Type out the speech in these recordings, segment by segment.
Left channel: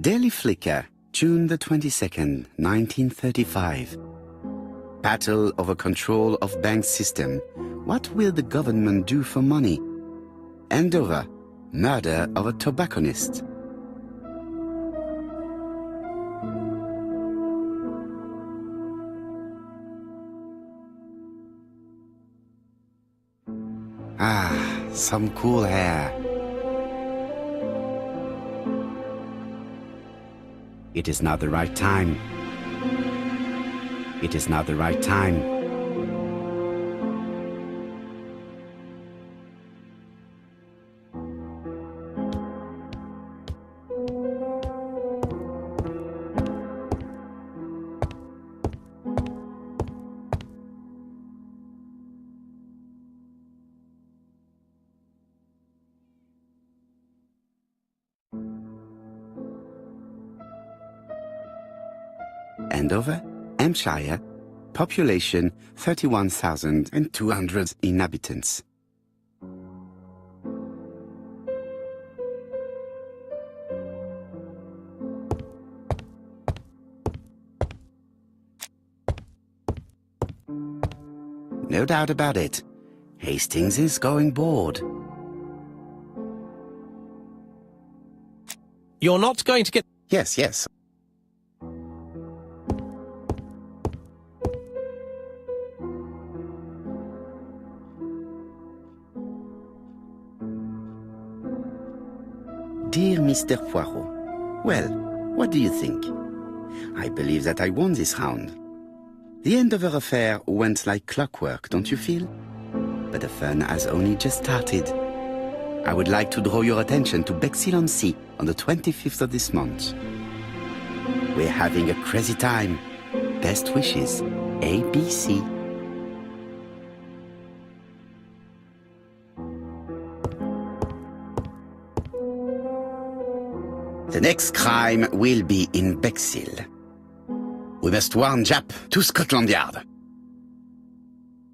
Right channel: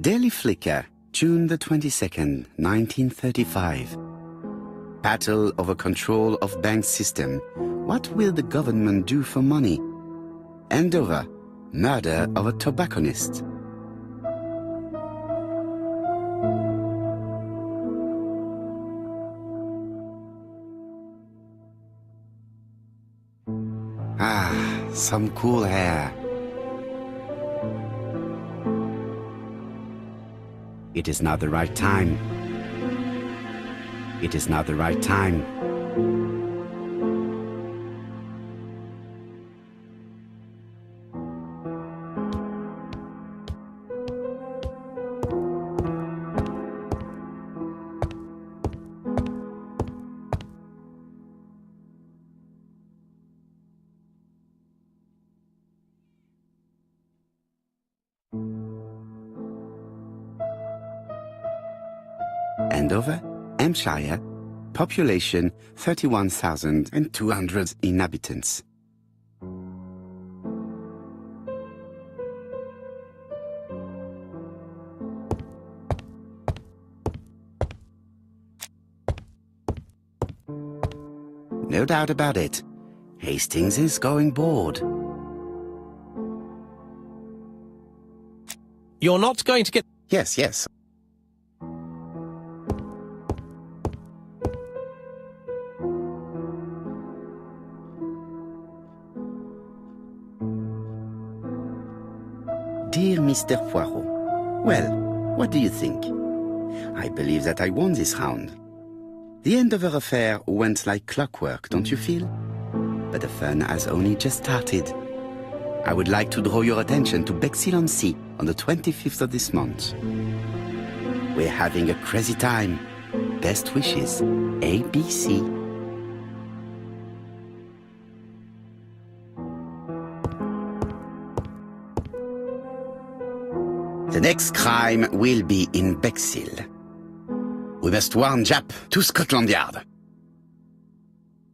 Daily Flicker, June the 22nd, 1935. Battle over control of bank system. What will the government do for money? Andover, murder of a tobacconist. Ah, some cool air. It is not the right time. It is not the right time. Andover, Hampshire, population 31,200 inhabitants. No doubt about it. Hastings is going bored. You're not going to get... Yes, yes. Dear Mr. Poirot, well, what do you think? I believe that I won this round. The end of our affair went like clockwork, don't you feel? But the fun has only just started. I would like to draw your attention to Bexhill-on-Sea on the 25th of this month. We're having a crazy time. Best wishes, ABC. The next crime will be in Bexhill. We must warn Jap to Scotland Yard.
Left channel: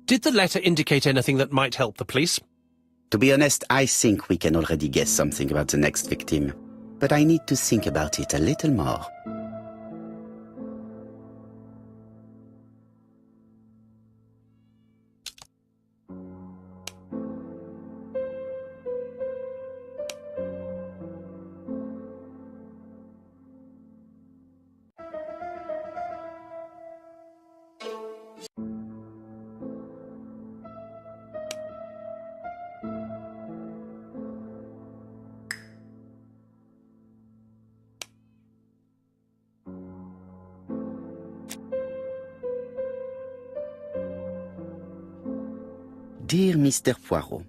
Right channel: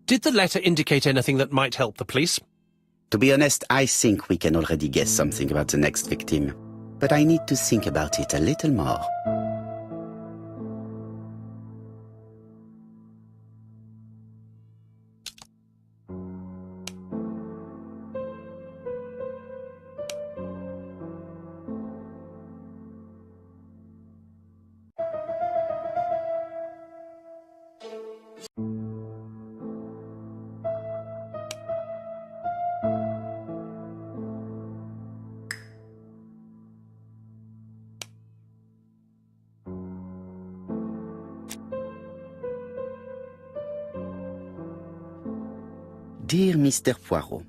Did the letter indicate anything that might help the police? To be honest, I think we can already guess something about the next victim. But I need to think about it a little more. Dear Mr. Poirot,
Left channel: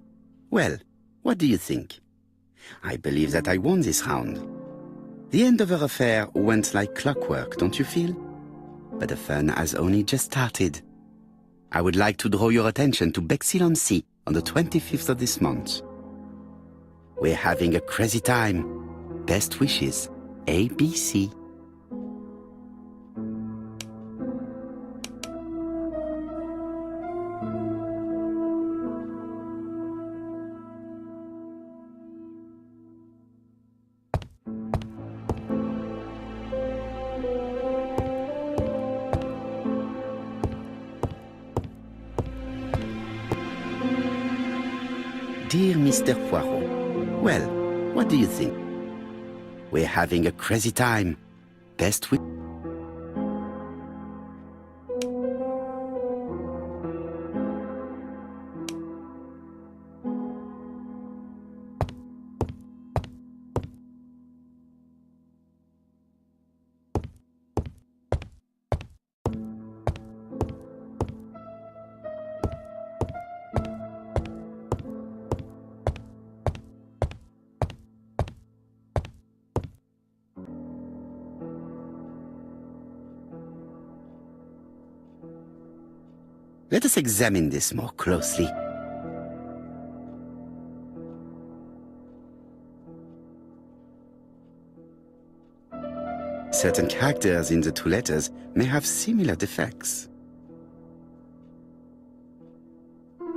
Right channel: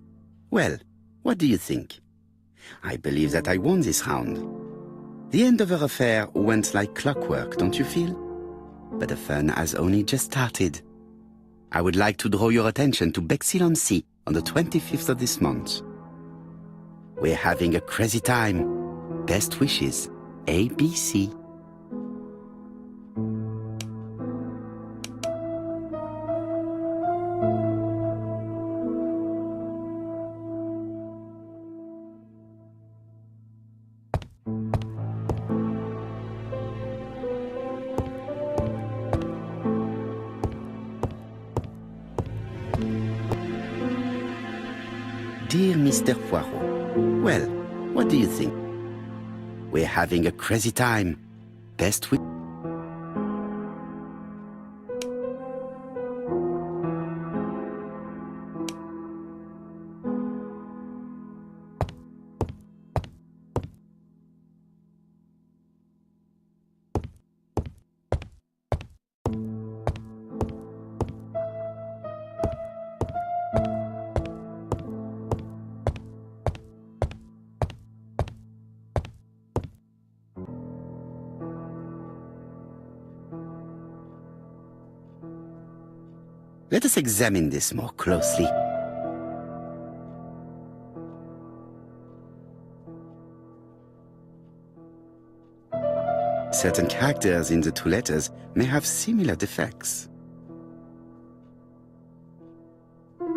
well, what do you think? I believe that I won this round. The end of our affair went like clockwork, don't you feel? But the fun has only just started. I would like to draw your attention to Bexhill-on-Sea on the 25th of this month. We're having a crazy time. Best wishes, ABC. Dear Mr. Poirot, well, what do you think? We're having a crazy time. Best wishes. Let us examine this more closely. Certain characters in the two letters may have similar defects.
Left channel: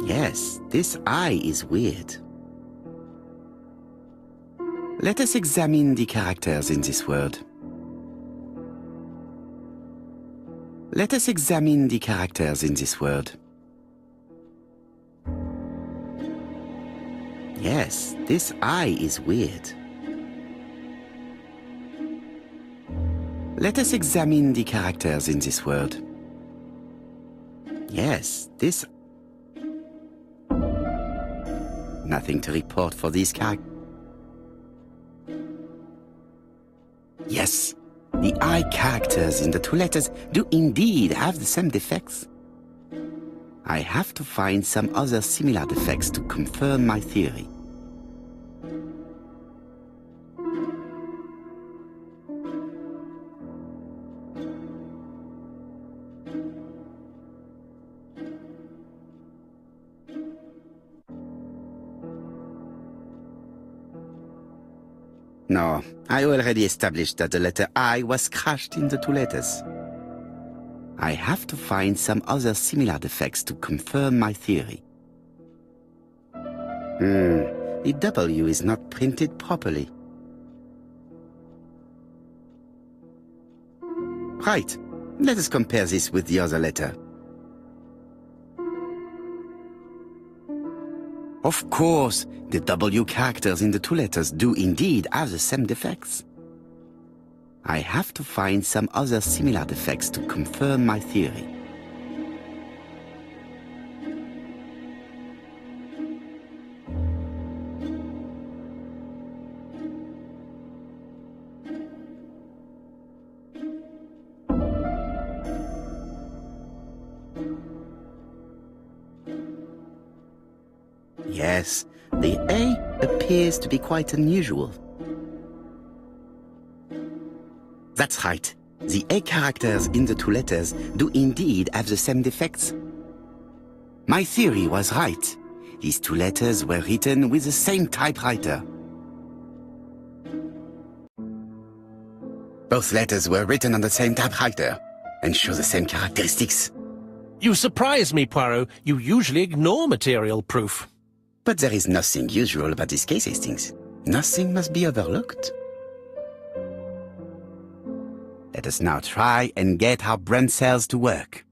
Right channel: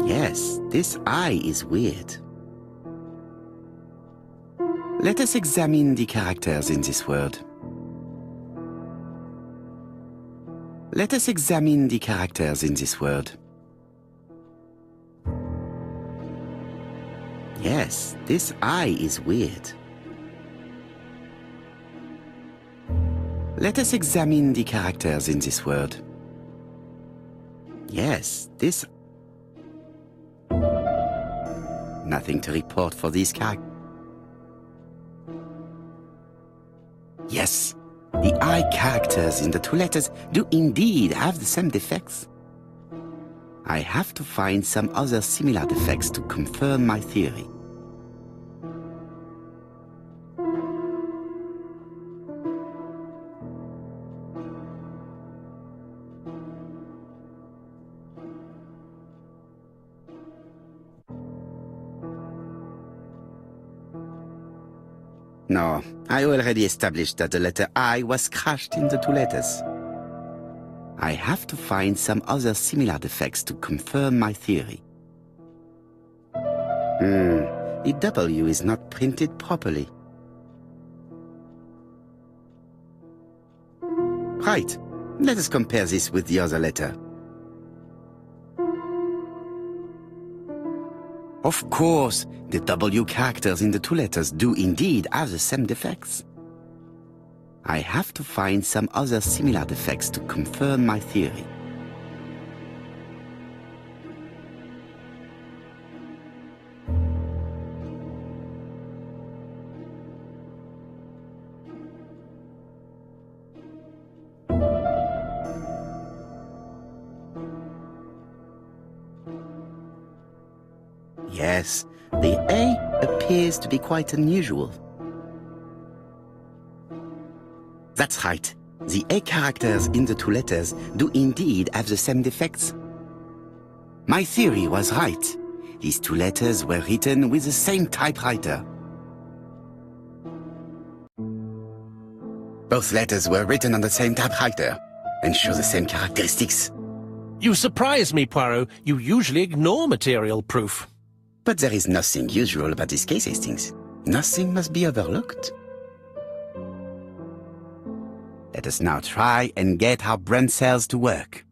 Yes, this I is weird. Let us examine the characters in this word. Let us examine the characters in this word. Yes, this I is weird. Let us examine the characters in this word. Yes, this... Nothing to report for these characters. Yes, the I characters in the two letters do indeed have the same defects. I have to find some other similar defects to confirm my theory. No, I already established that the letter I was crushed in the two letters. I have to find some other similar defects to confirm my theory. The W is not printed properly. Right, let us compare this with the other letter. Of course, the W characters in the two letters do indeed have the same defects. I have to find some other similar defects to confirm my theory. Yes, the A appears to be quite unusual. That's right. The A characters in the two letters do indeed have the same defects. My theory was right. These two letters were written with the same typewriter. Both letters were written on the same typewriter and show the same characteristics. You surprise me, Poirot. You usually ignore material proof. But there is nothing usual about this case, Hastings. Nothing must be overlooked. Let us now try and get our brain cells to work.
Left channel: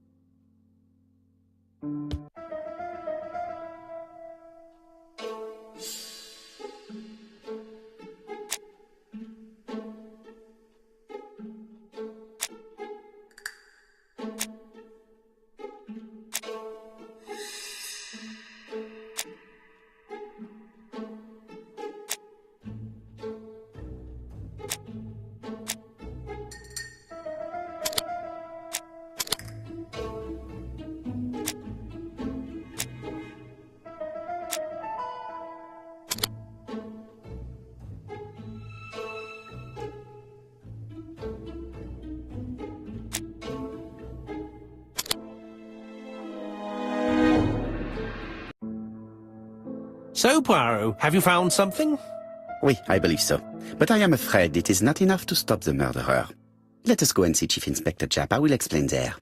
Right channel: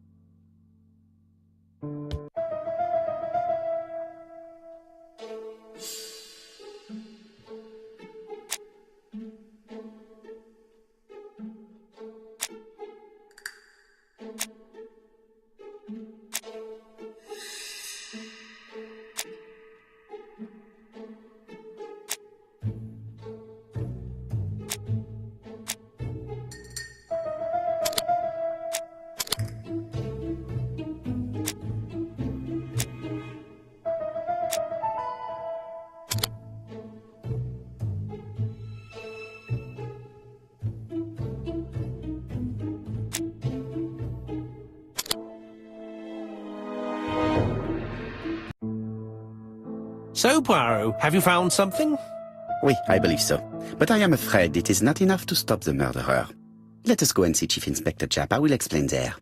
So, Poirot, have you found something? Oui, I believe so. But I am afraid it is not enough to stop the murderer. Let us go and see Chief Inspector Japp. I will explain there.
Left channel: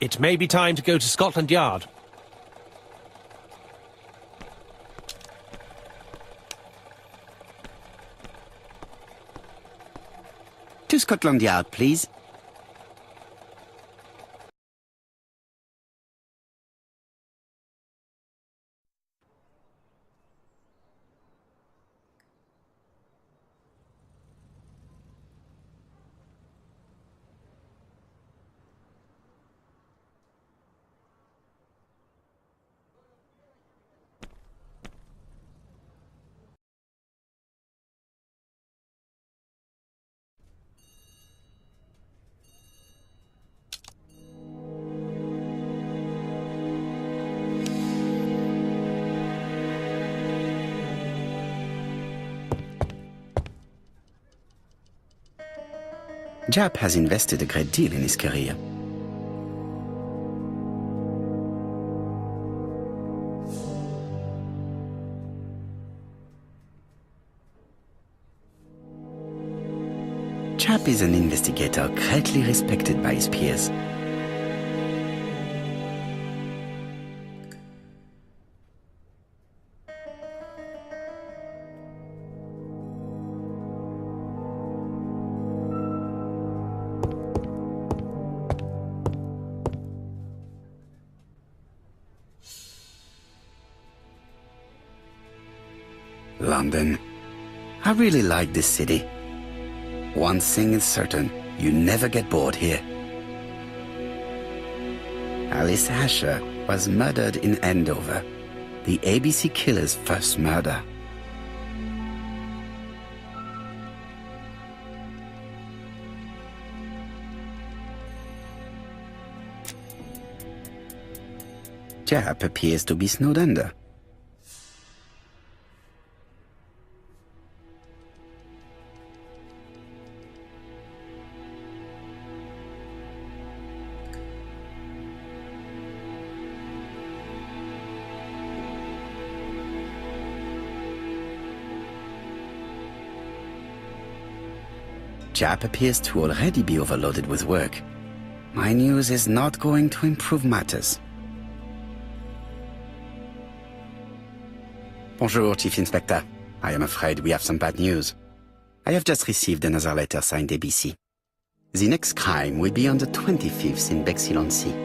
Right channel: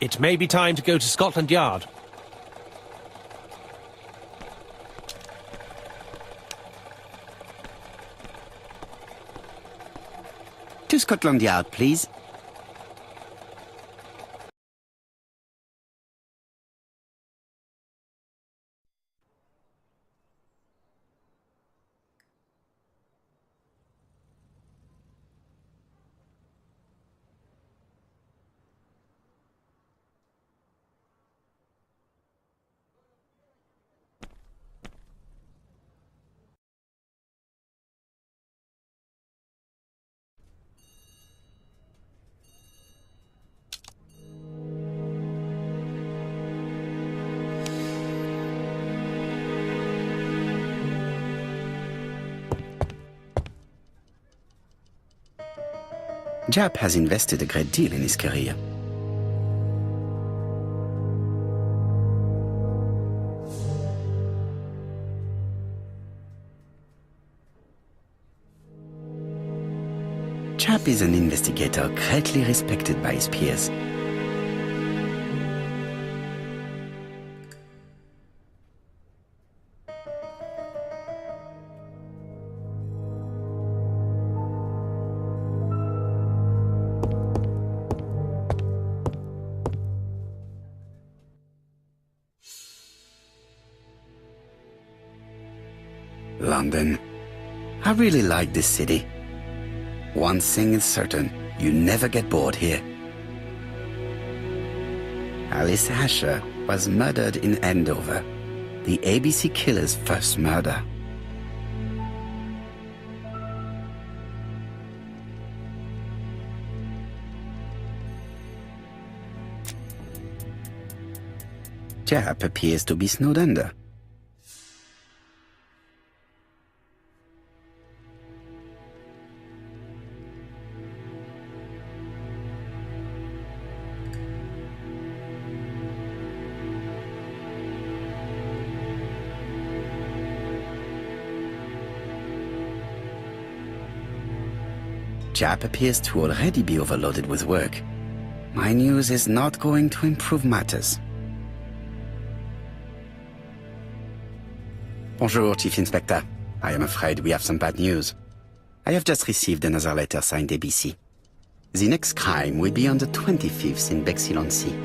It may be time to go to Scotland Yard. To Scotland Yard, please. Jap has invested a great deal in his career. Jap is an investigator greatly respected by his peers. London. I really like this city. One thing is certain, you never get bored here. Alice Asher was murdered in Andover, the ABC killer's first murder. Jap appears to be snowed under. Jap appears to already be overloaded with work. My news is not going to improve matters. Bonjour, Chief Inspector. I am afraid we have some bad news. I have just received another letter signed ABC. The next crime will be on the 25th in Bexhill-on-Sea.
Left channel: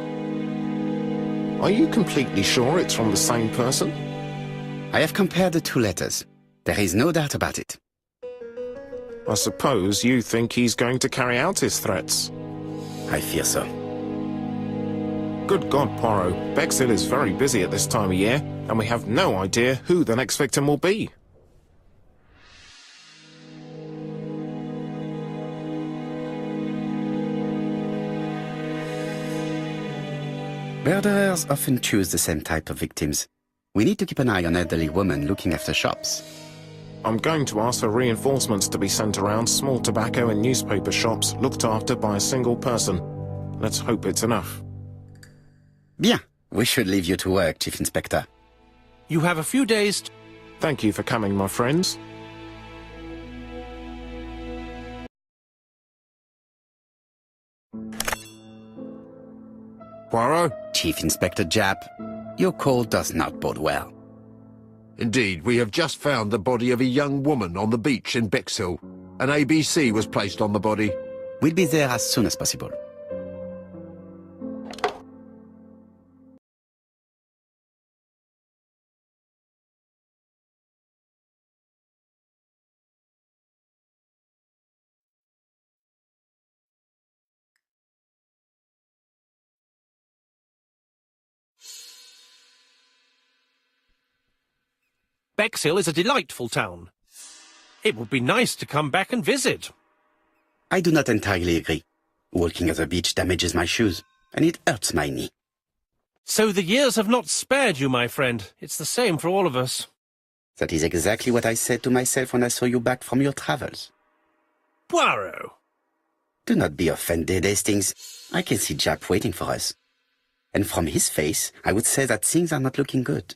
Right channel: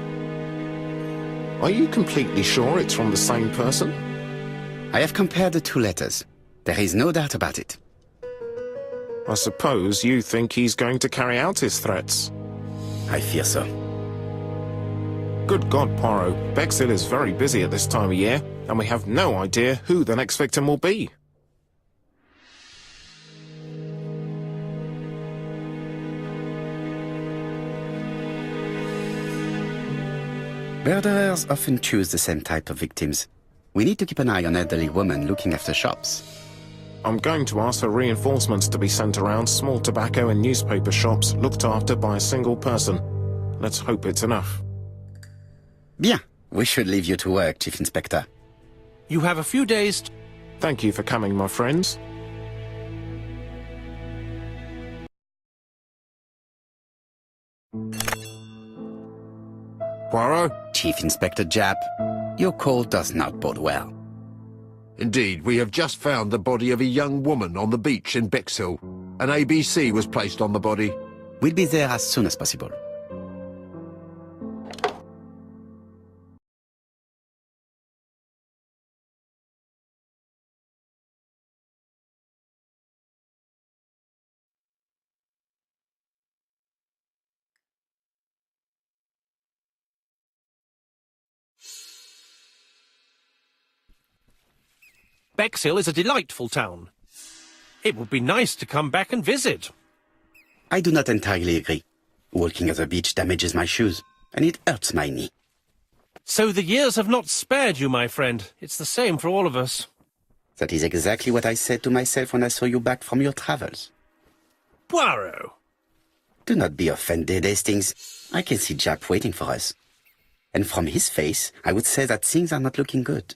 Are you completely sure it's from the same person? I have compared the two letters. There is no doubt about it. I suppose you think he's going to carry out his threats. I fear so. Good God, Poirot. Bexhill is very busy at this time of year, and we have no idea who the next victim will be. Murderers often choose the same type of victims. We need to keep an eye on elderly women looking after shops. I'm going to ask for reinforcements to be sent around small tobacco and newspaper shops looked after by a single person. Let's hope it's enough. Bien. We should leave you to work, Chief Inspector. You have a few days to... Thank you for coming, my friends. Poirot? Chief Inspector Jap, your call does not bode well. Indeed, we have just found the body of a young woman on the beach in Bexhill. An ABC was placed on the body. We'll be there as soon as possible. Bexhill is a delightful town. It would be nice to come back and visit. I do not entirely agree. Walking at the beach damages my shoes, and it hurts my knee. So the years have not spared you, my friend. It's the same for all of us. That is exactly what I said to myself when I saw you back from your travels. Poirot! Do not be offended, Hastings. I can see Jap waiting for us. And from his face, I would say that things are not looking good.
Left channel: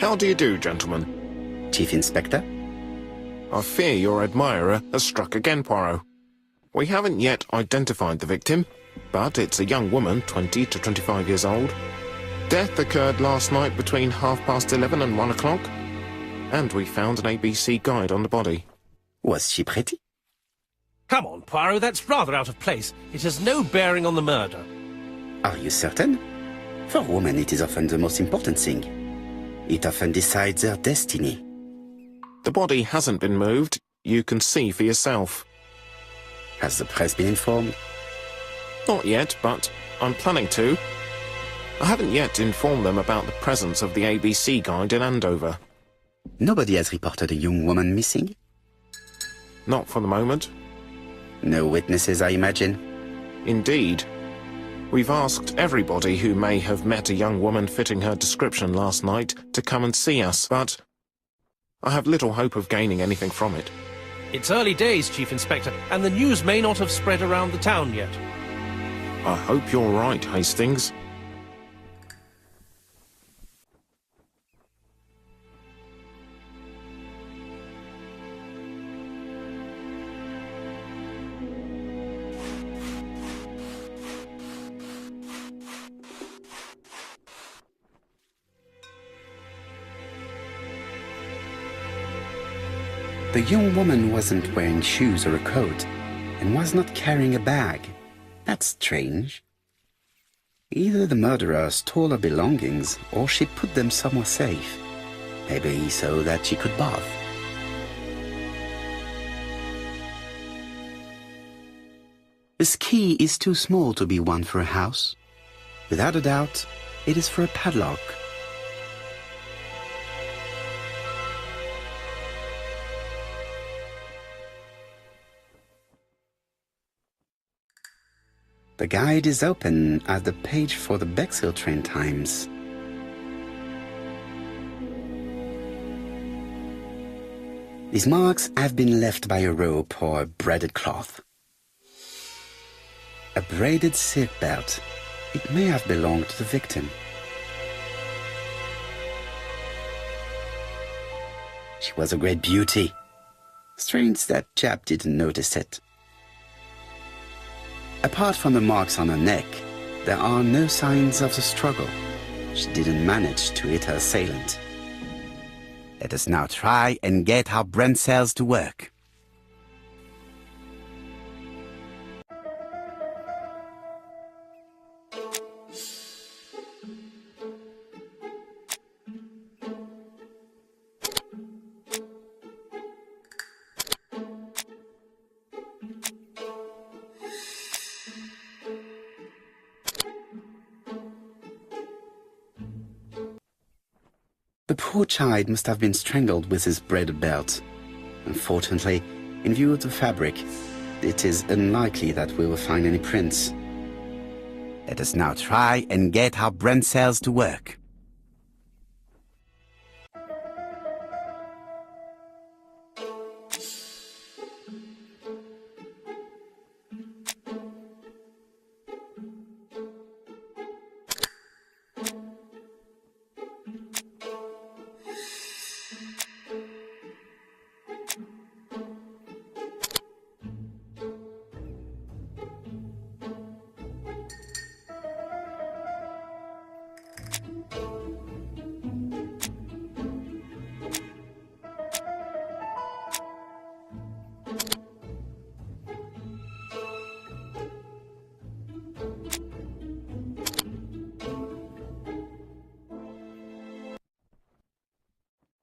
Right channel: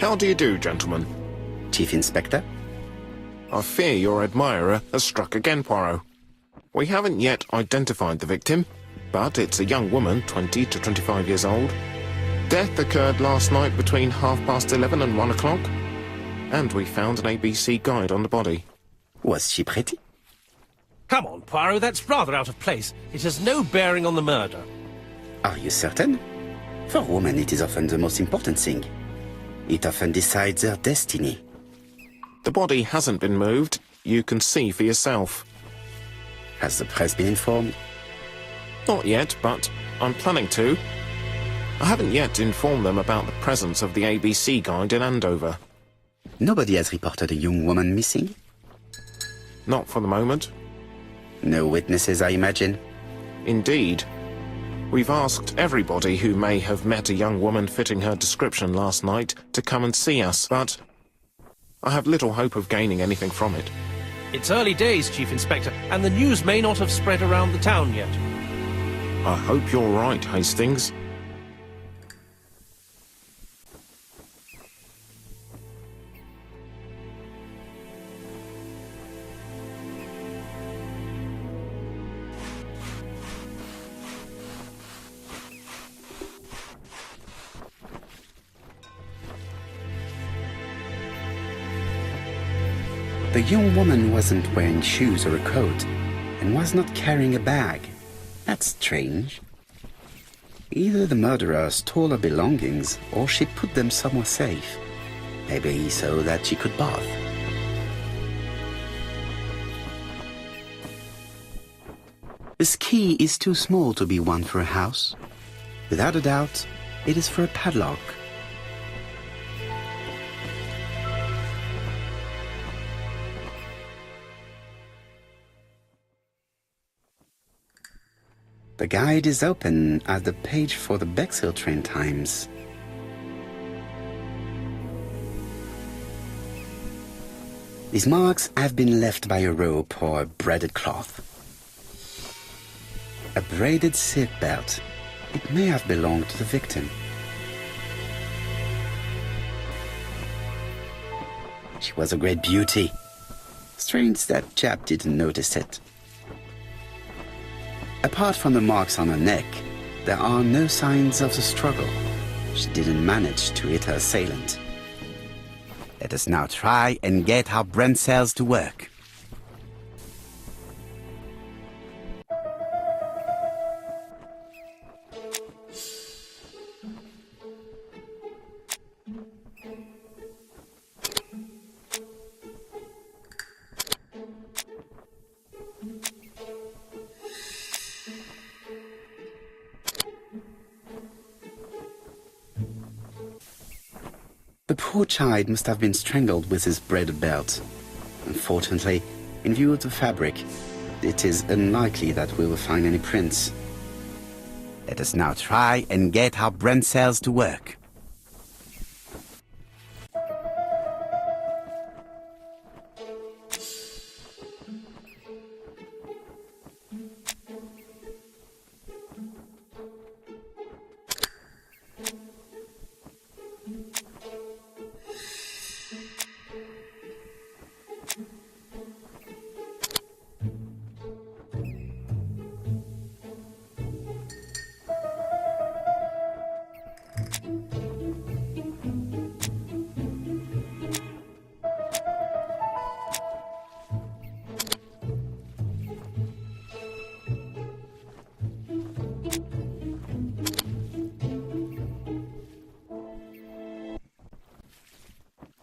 How do you do, gentlemen? Chief Inspector? I fear your admirer has struck again, Poirot. We haven't yet identified the victim, but it's a young woman, 20 to 25 years old. Death occurred last night between 11:30 and 1 o'clock, and we found an ABC guide on the body. Was she pretty? Come on, Poirot, that's rather out of place. It has no bearing on the murder. Are you certain? For women, it is often the most important thing. It often decides their destiny. The body hasn't been moved. You can see for yourself. Has the press been informed? Not yet, but I'm planning to. I haven't yet informed them about the presence of the ABC guide in Andover. Nobody has reported a young woman missing? Not for the moment. No witnesses, I imagine. Indeed. We've asked everybody who may have met a young woman fitting her description last night to come and see us, but I have little hope of gaining anything from it. It's early days, Chief Inspector, and the news may not have spread around the town yet. I hope you're right, Hastings. The young woman wasn't wearing shoes or a coat, and was not carrying a bag. That's strange. Either the murderer stole her belongings, or she put them somewhere safe. Maybe so that she could bath. This key is too small to be one for a house. Without a doubt, it is for a padlock. The guide is open at the page for the Bexhill train times. These marks have been left by a rope or a braided cloth. A braided silk belt. It may have belonged to the victim. She was a great beauty. Strange that chap didn't notice it. Apart from the marks on her neck, there are no signs of the struggle. She didn't manage to hit her assailant. Let us now try and get our brain cells to work. The poor child must have been strangled with his braided belt. Unfortunately, in view of the fabric, it is unlikely that we will find any prints. Let us now try and get our brain cells to work.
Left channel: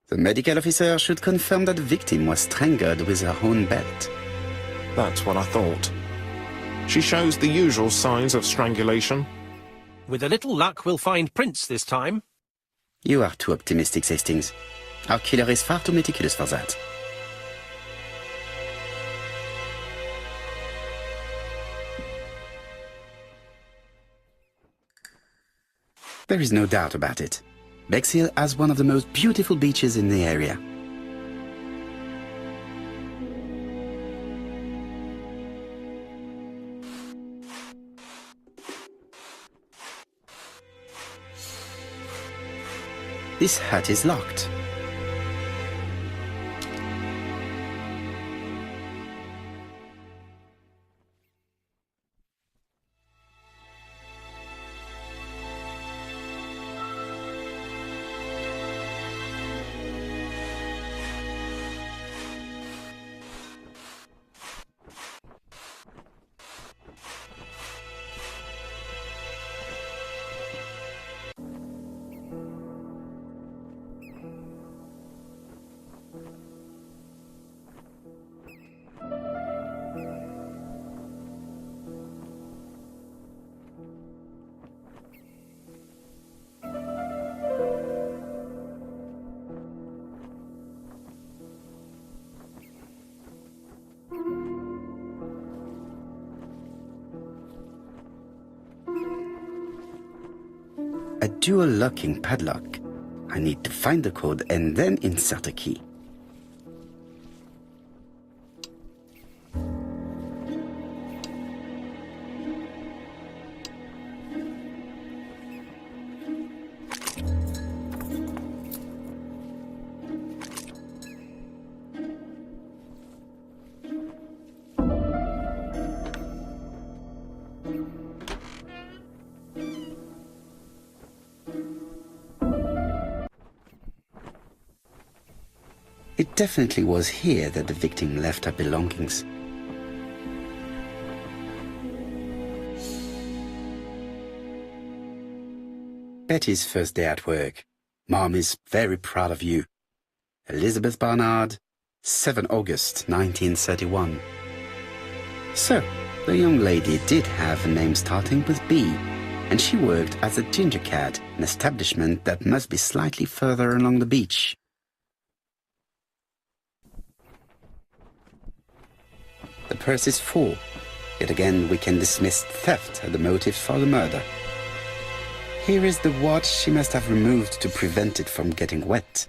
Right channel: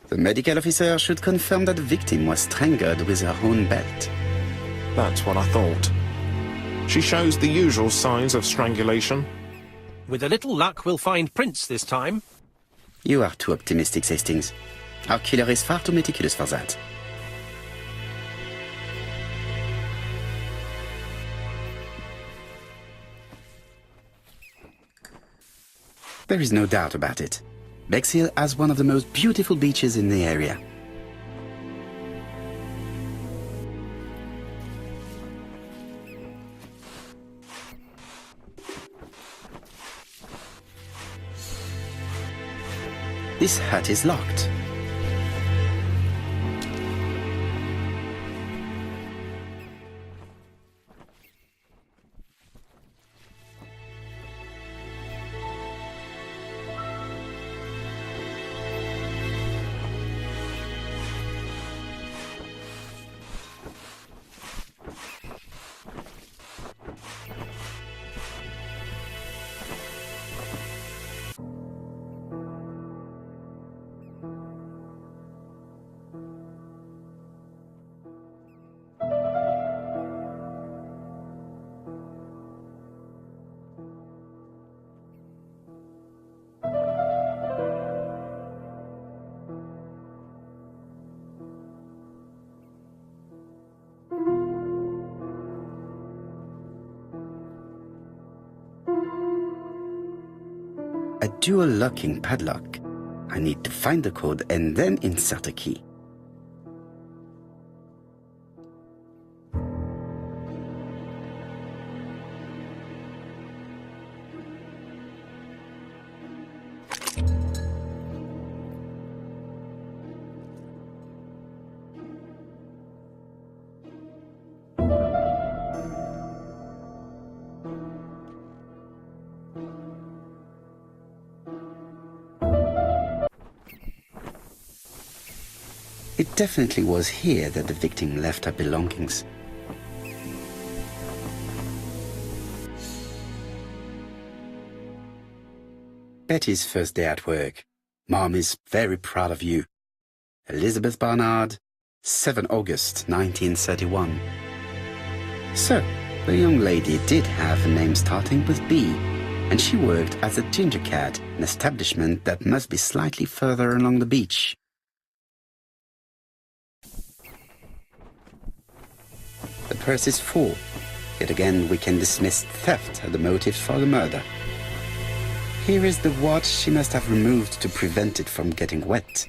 The medical officer should confirm that the victim was strangled with her own belt. That's what I thought. She shows the usual signs of strangulation. With a little luck, we'll find prints this time. You are too optimistic, Hastings. Our killer is far too meticulous for that. There is no doubt about it. Bexhill has one of the most beautiful beaches in the area. This hut is locked. dual locking padlock. I need to find the code and then insert a key. It definitely was here that the victim left her belongings. Betty's first day at work. Mom is very proud of you. Elizabeth Barnard, 7 August 1931. So, the young lady did have a name starting with B, and she worked as a ginger cat, an establishment that must be slightly further along the beach. The purse is full. Yet again, we can dismiss theft as the motive for the murder. Here is the watch she must have removed to prevent it from getting wet.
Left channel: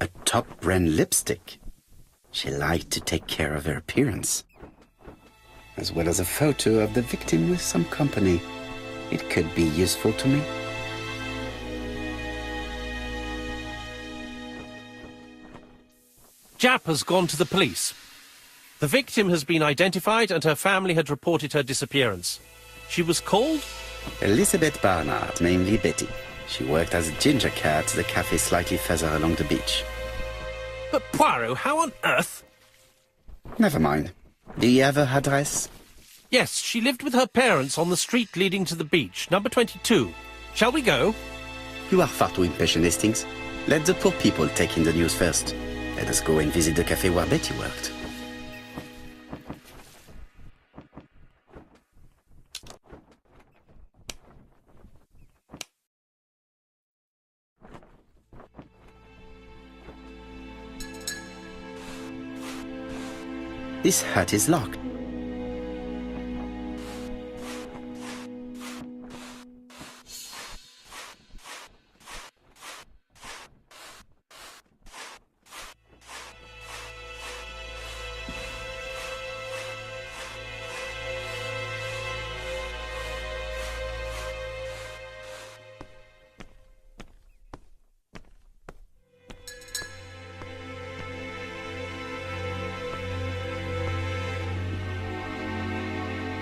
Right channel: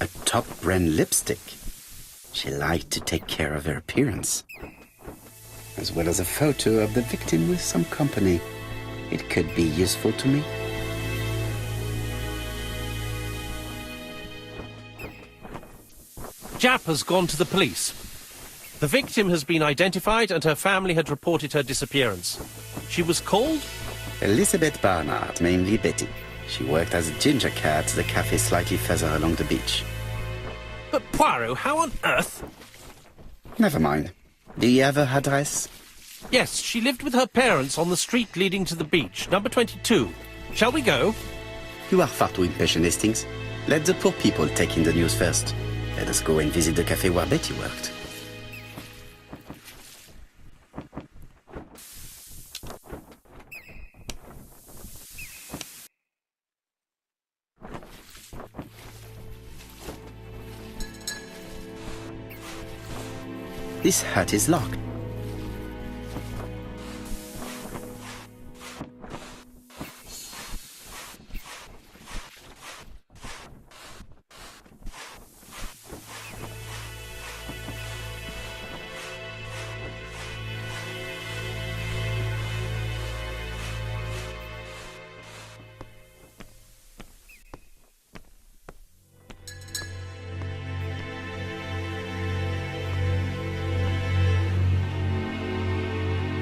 A top-brand lipstick. She liked to take care of her appearance. As well as a photo of the victim with some company. It could be useful to me. Jap has gone to the police. The victim has been identified and her family had reported her disappearance. She was called Elizabeth Barnard, namely Betty. She worked as a ginger cat at the cafe slightly further along the beach. But Poirot, how on earth? Never mind. Do you have her address? Yes, she lived with her parents on the street leading to the beach, number 22. Shall we go? You are far too impatient, Hastings. Let the poor people take in the news first. Let us go and visit the cafe where Betty worked. This hut is locked.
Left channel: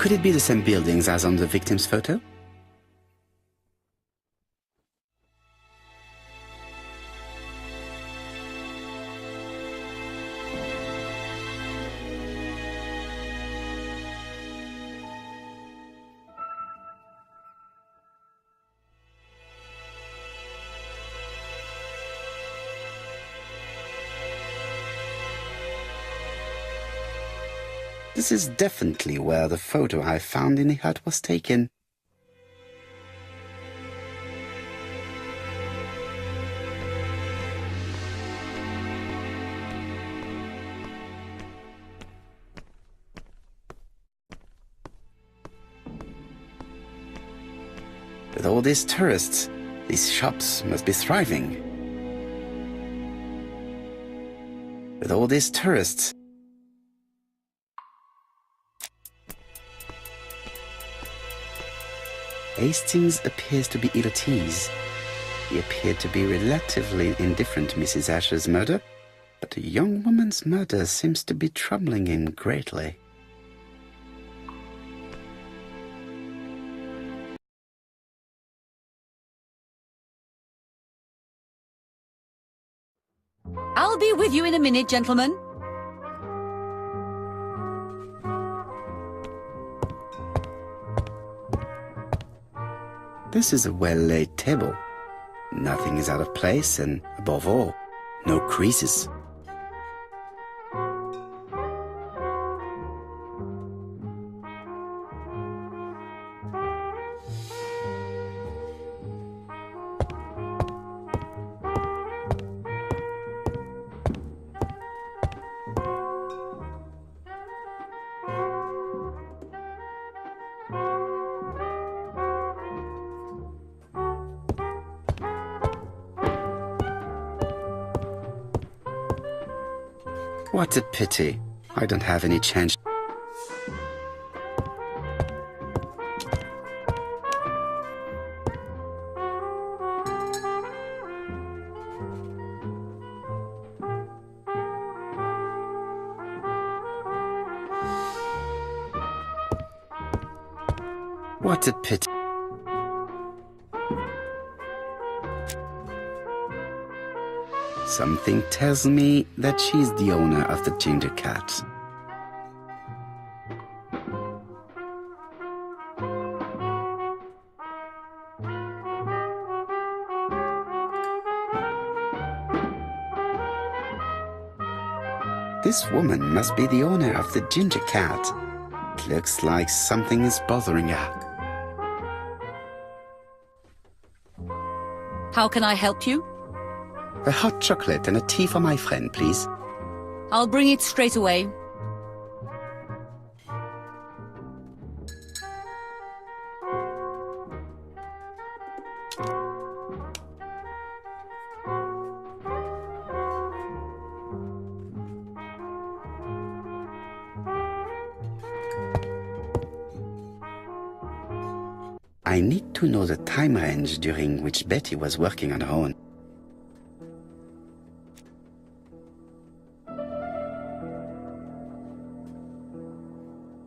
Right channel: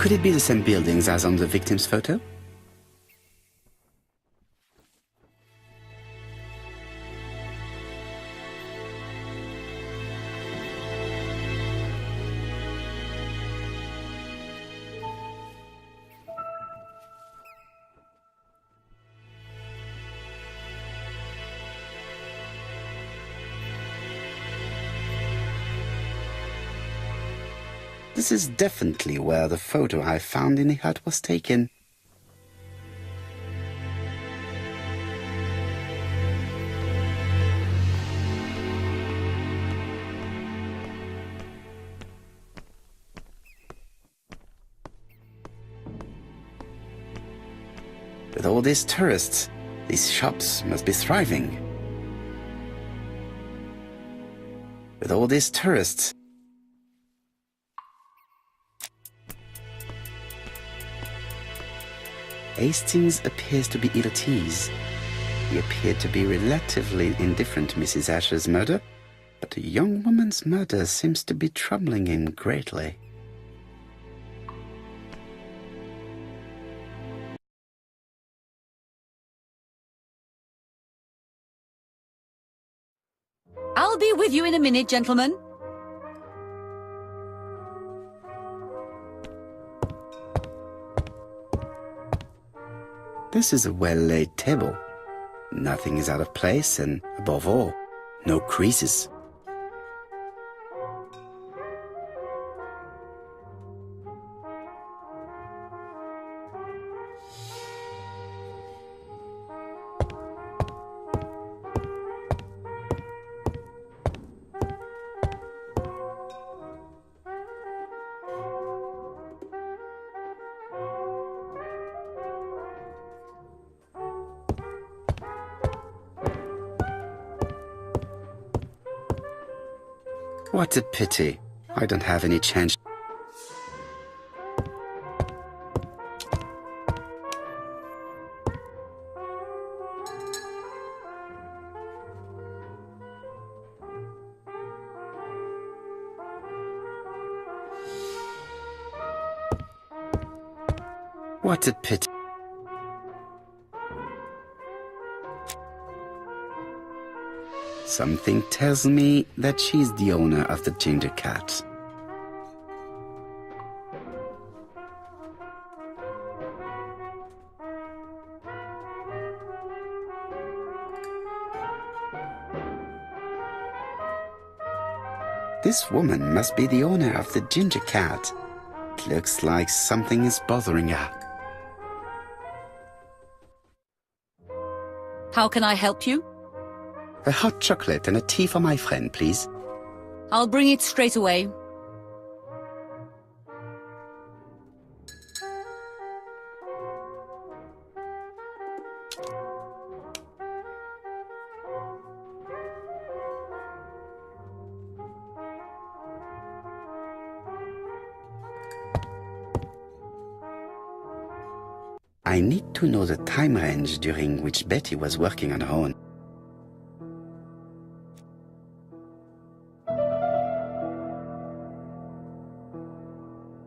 Could it be the same buildings as on the victim's photo? This is definitely where the photo I found in the hut was taken. With all these tourists, these shops must be thriving. With all these tourists, Hastings appears to be ill at ease. He appeared to be relatively indifferent to Mrs. Asher's murder, but a young woman's murder seems to be troubling him greatly. I'll be with you in a minute, gentlemen. This is a well-laid table. Nothing is out of place and, above all, no creases. What a pity. I don't have any change. What a pity. Something tells me that she's the owner of the ginger cat. This woman must be the owner of the ginger cat. It looks like something is bothering her. How can I help you? A hot chocolate and a tea for my friend, please. I'll bring it straight away. I need to know the time range during which Betty was working on her own.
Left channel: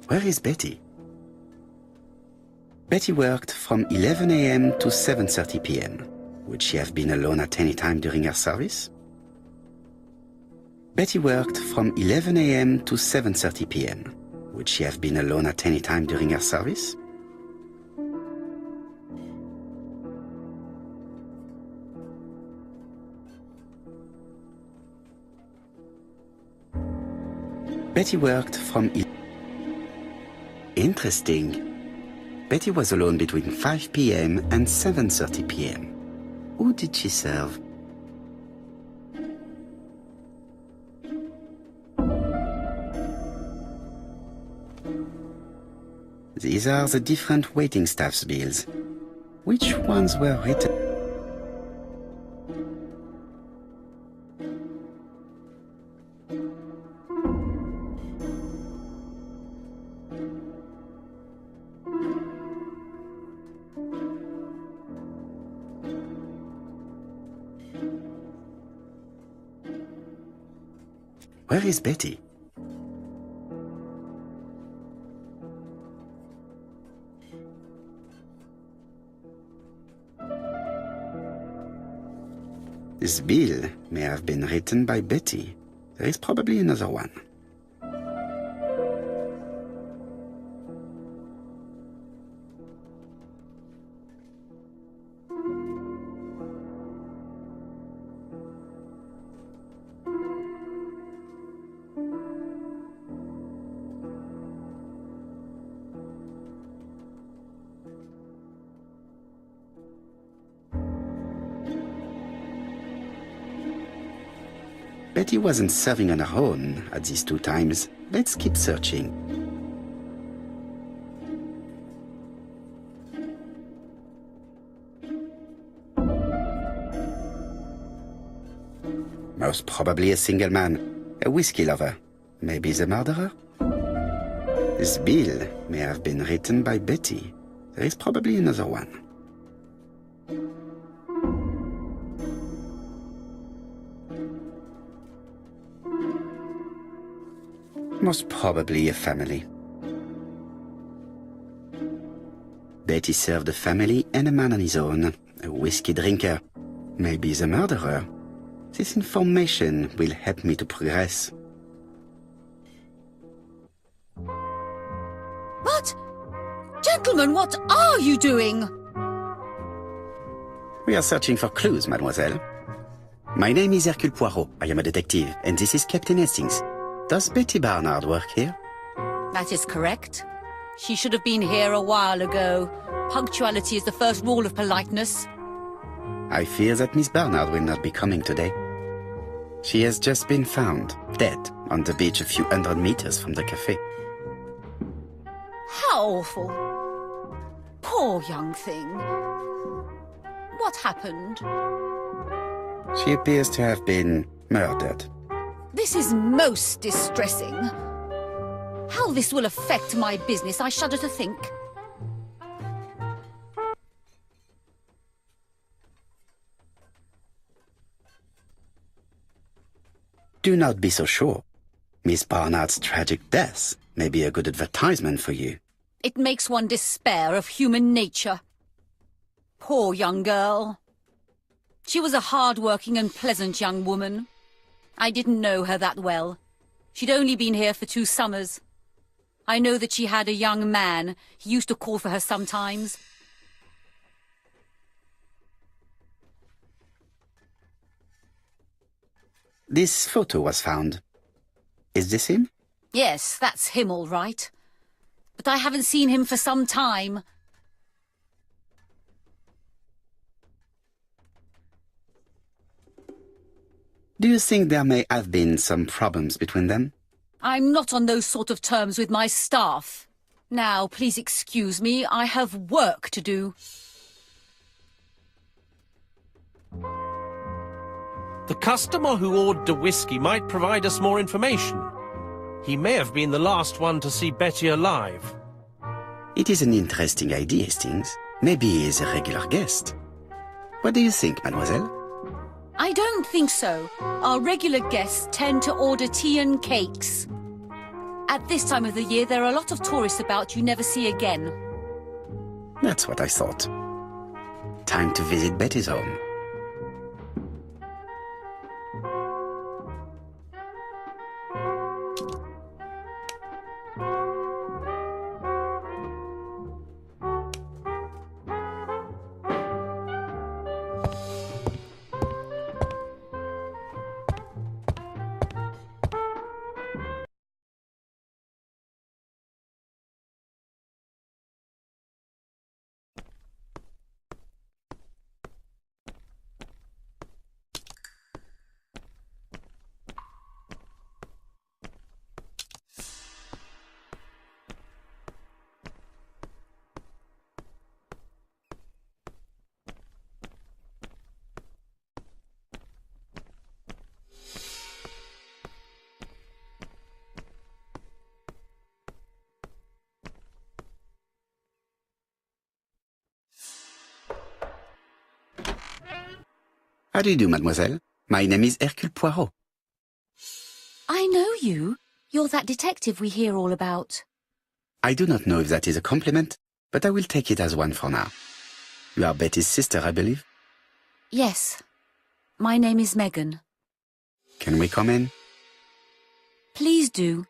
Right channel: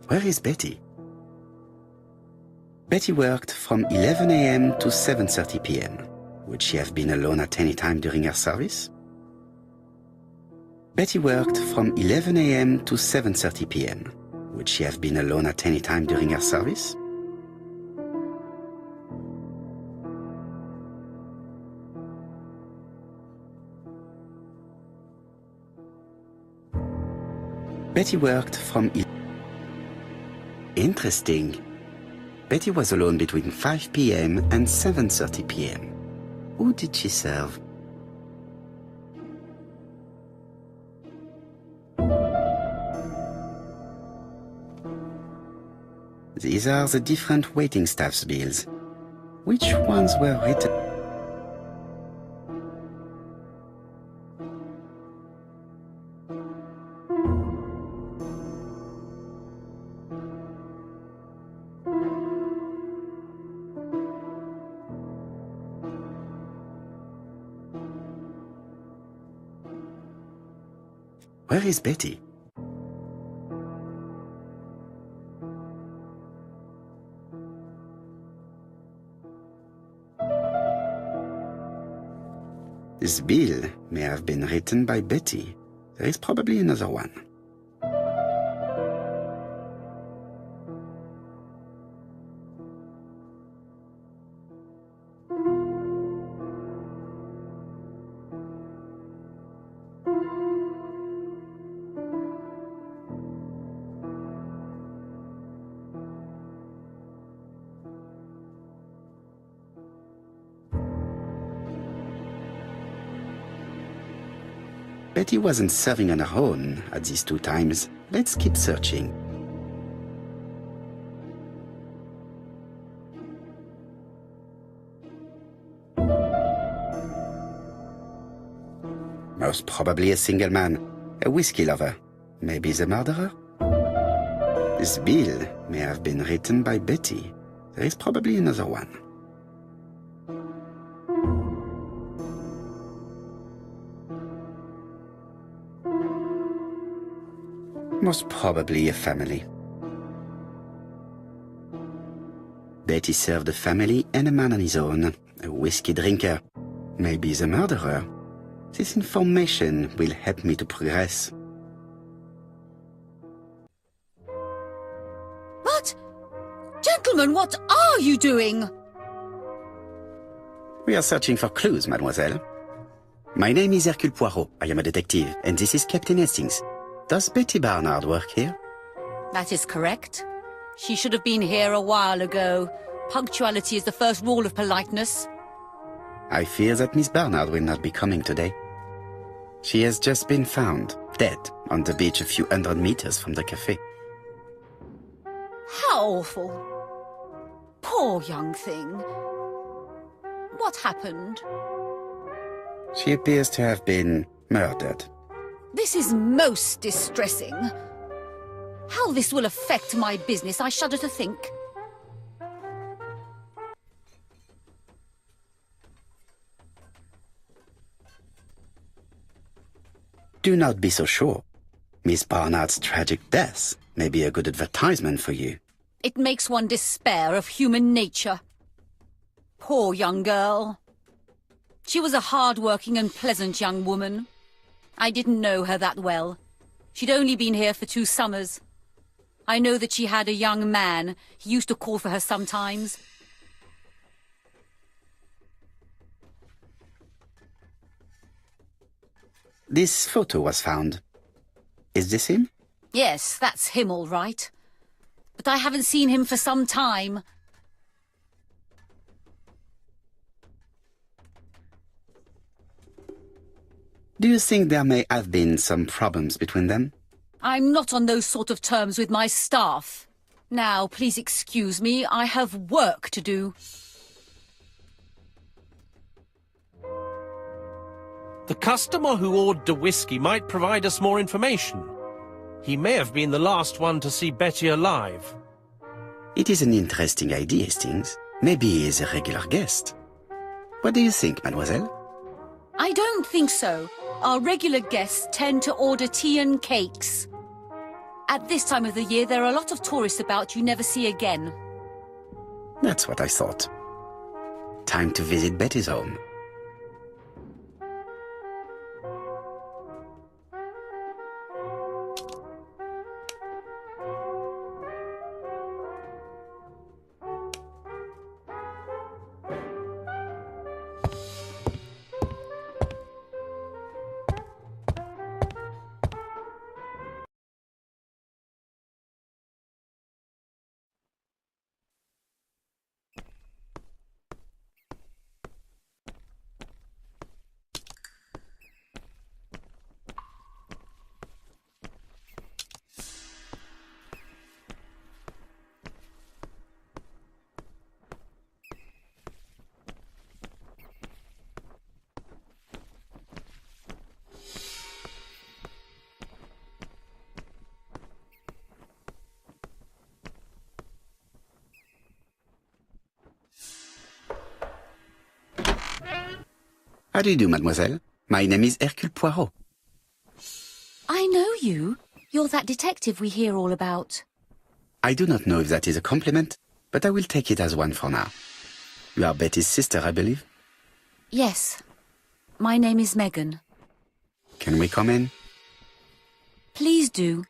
Where is Betty? Betty worked from 11 a.m. to 7:30 p.m. Would she have been alone at any time during her service? Betty worked from 11 a.m. to 7:30 p.m. Would she have been alone at any time during her service? Betty worked from... Interesting. Betty was alone between 5 p.m. and 7:30 p.m. Who did she serve? These are the different waiting staff's bills. Which ones were written? Where is Betty? This bill may have been written by Betty. There is probably another one. Betty wasn't serving on her own at these two times. Let's keep searching. Most probably a single man, a whiskey lover. Maybe the murderer? This bill may have been written by Betty. There is probably another one. Most probably a family. Betty served a family and a man on his own, a whiskey drinker. Maybe the murderer. This information will help me to progress. But, gentlemen, what are you doing? We are searching for clues, mademoiselle. My name is Hercule Poirot. I am a detective, and this is Captain Hastings. Does Betty Barnard work here? That is correct. She should have been here a while ago. Punctuality is the first rule of politeness. I fear that Miss Barnard will not be coming today. She has just been found, dead, on the beach a few hundred meters from the cafe. How awful. Poor young thing. What happened? She appears to have been murdered. This is most distressing. How this will affect my business, I shudder to think. Do not be so sure. Miss Barnard's tragic death may be a good advertisement for you. It makes one despair of human nature. Poor young girl. She was a hard-working and pleasant young woman. I didn't know her that well. She'd only been here for 2 summers. I know that she had a young man. He used to call for her sometimes. This photo was found. Is this him? Yes, that's him all right. But I haven't seen him for some time. Do you think there may have been some problems between them? I'm not on those sort of terms with my staff. Now, please excuse me, I have work to do. The customer who ordered the whiskey might provide us more information. He may have been the last one to see Betty alive. It is an interesting idea, Hastings. Maybe he is a regular guest. What do you think, mademoiselle? I don't think so. Our regular guests tend to order tea and cakes. At this time of the year, there are a lot of tourists about you never see again. That's what I thought. Time to visit Betty's home. How do you do, mademoiselle? My name is Hercule Poirot. I know you. You're that detective we hear all about. I do not know if that is a compliment, but I will take it as one for now. You are Betty's sister, I believe? Yes. My name is Megan. Can we come in? Please do.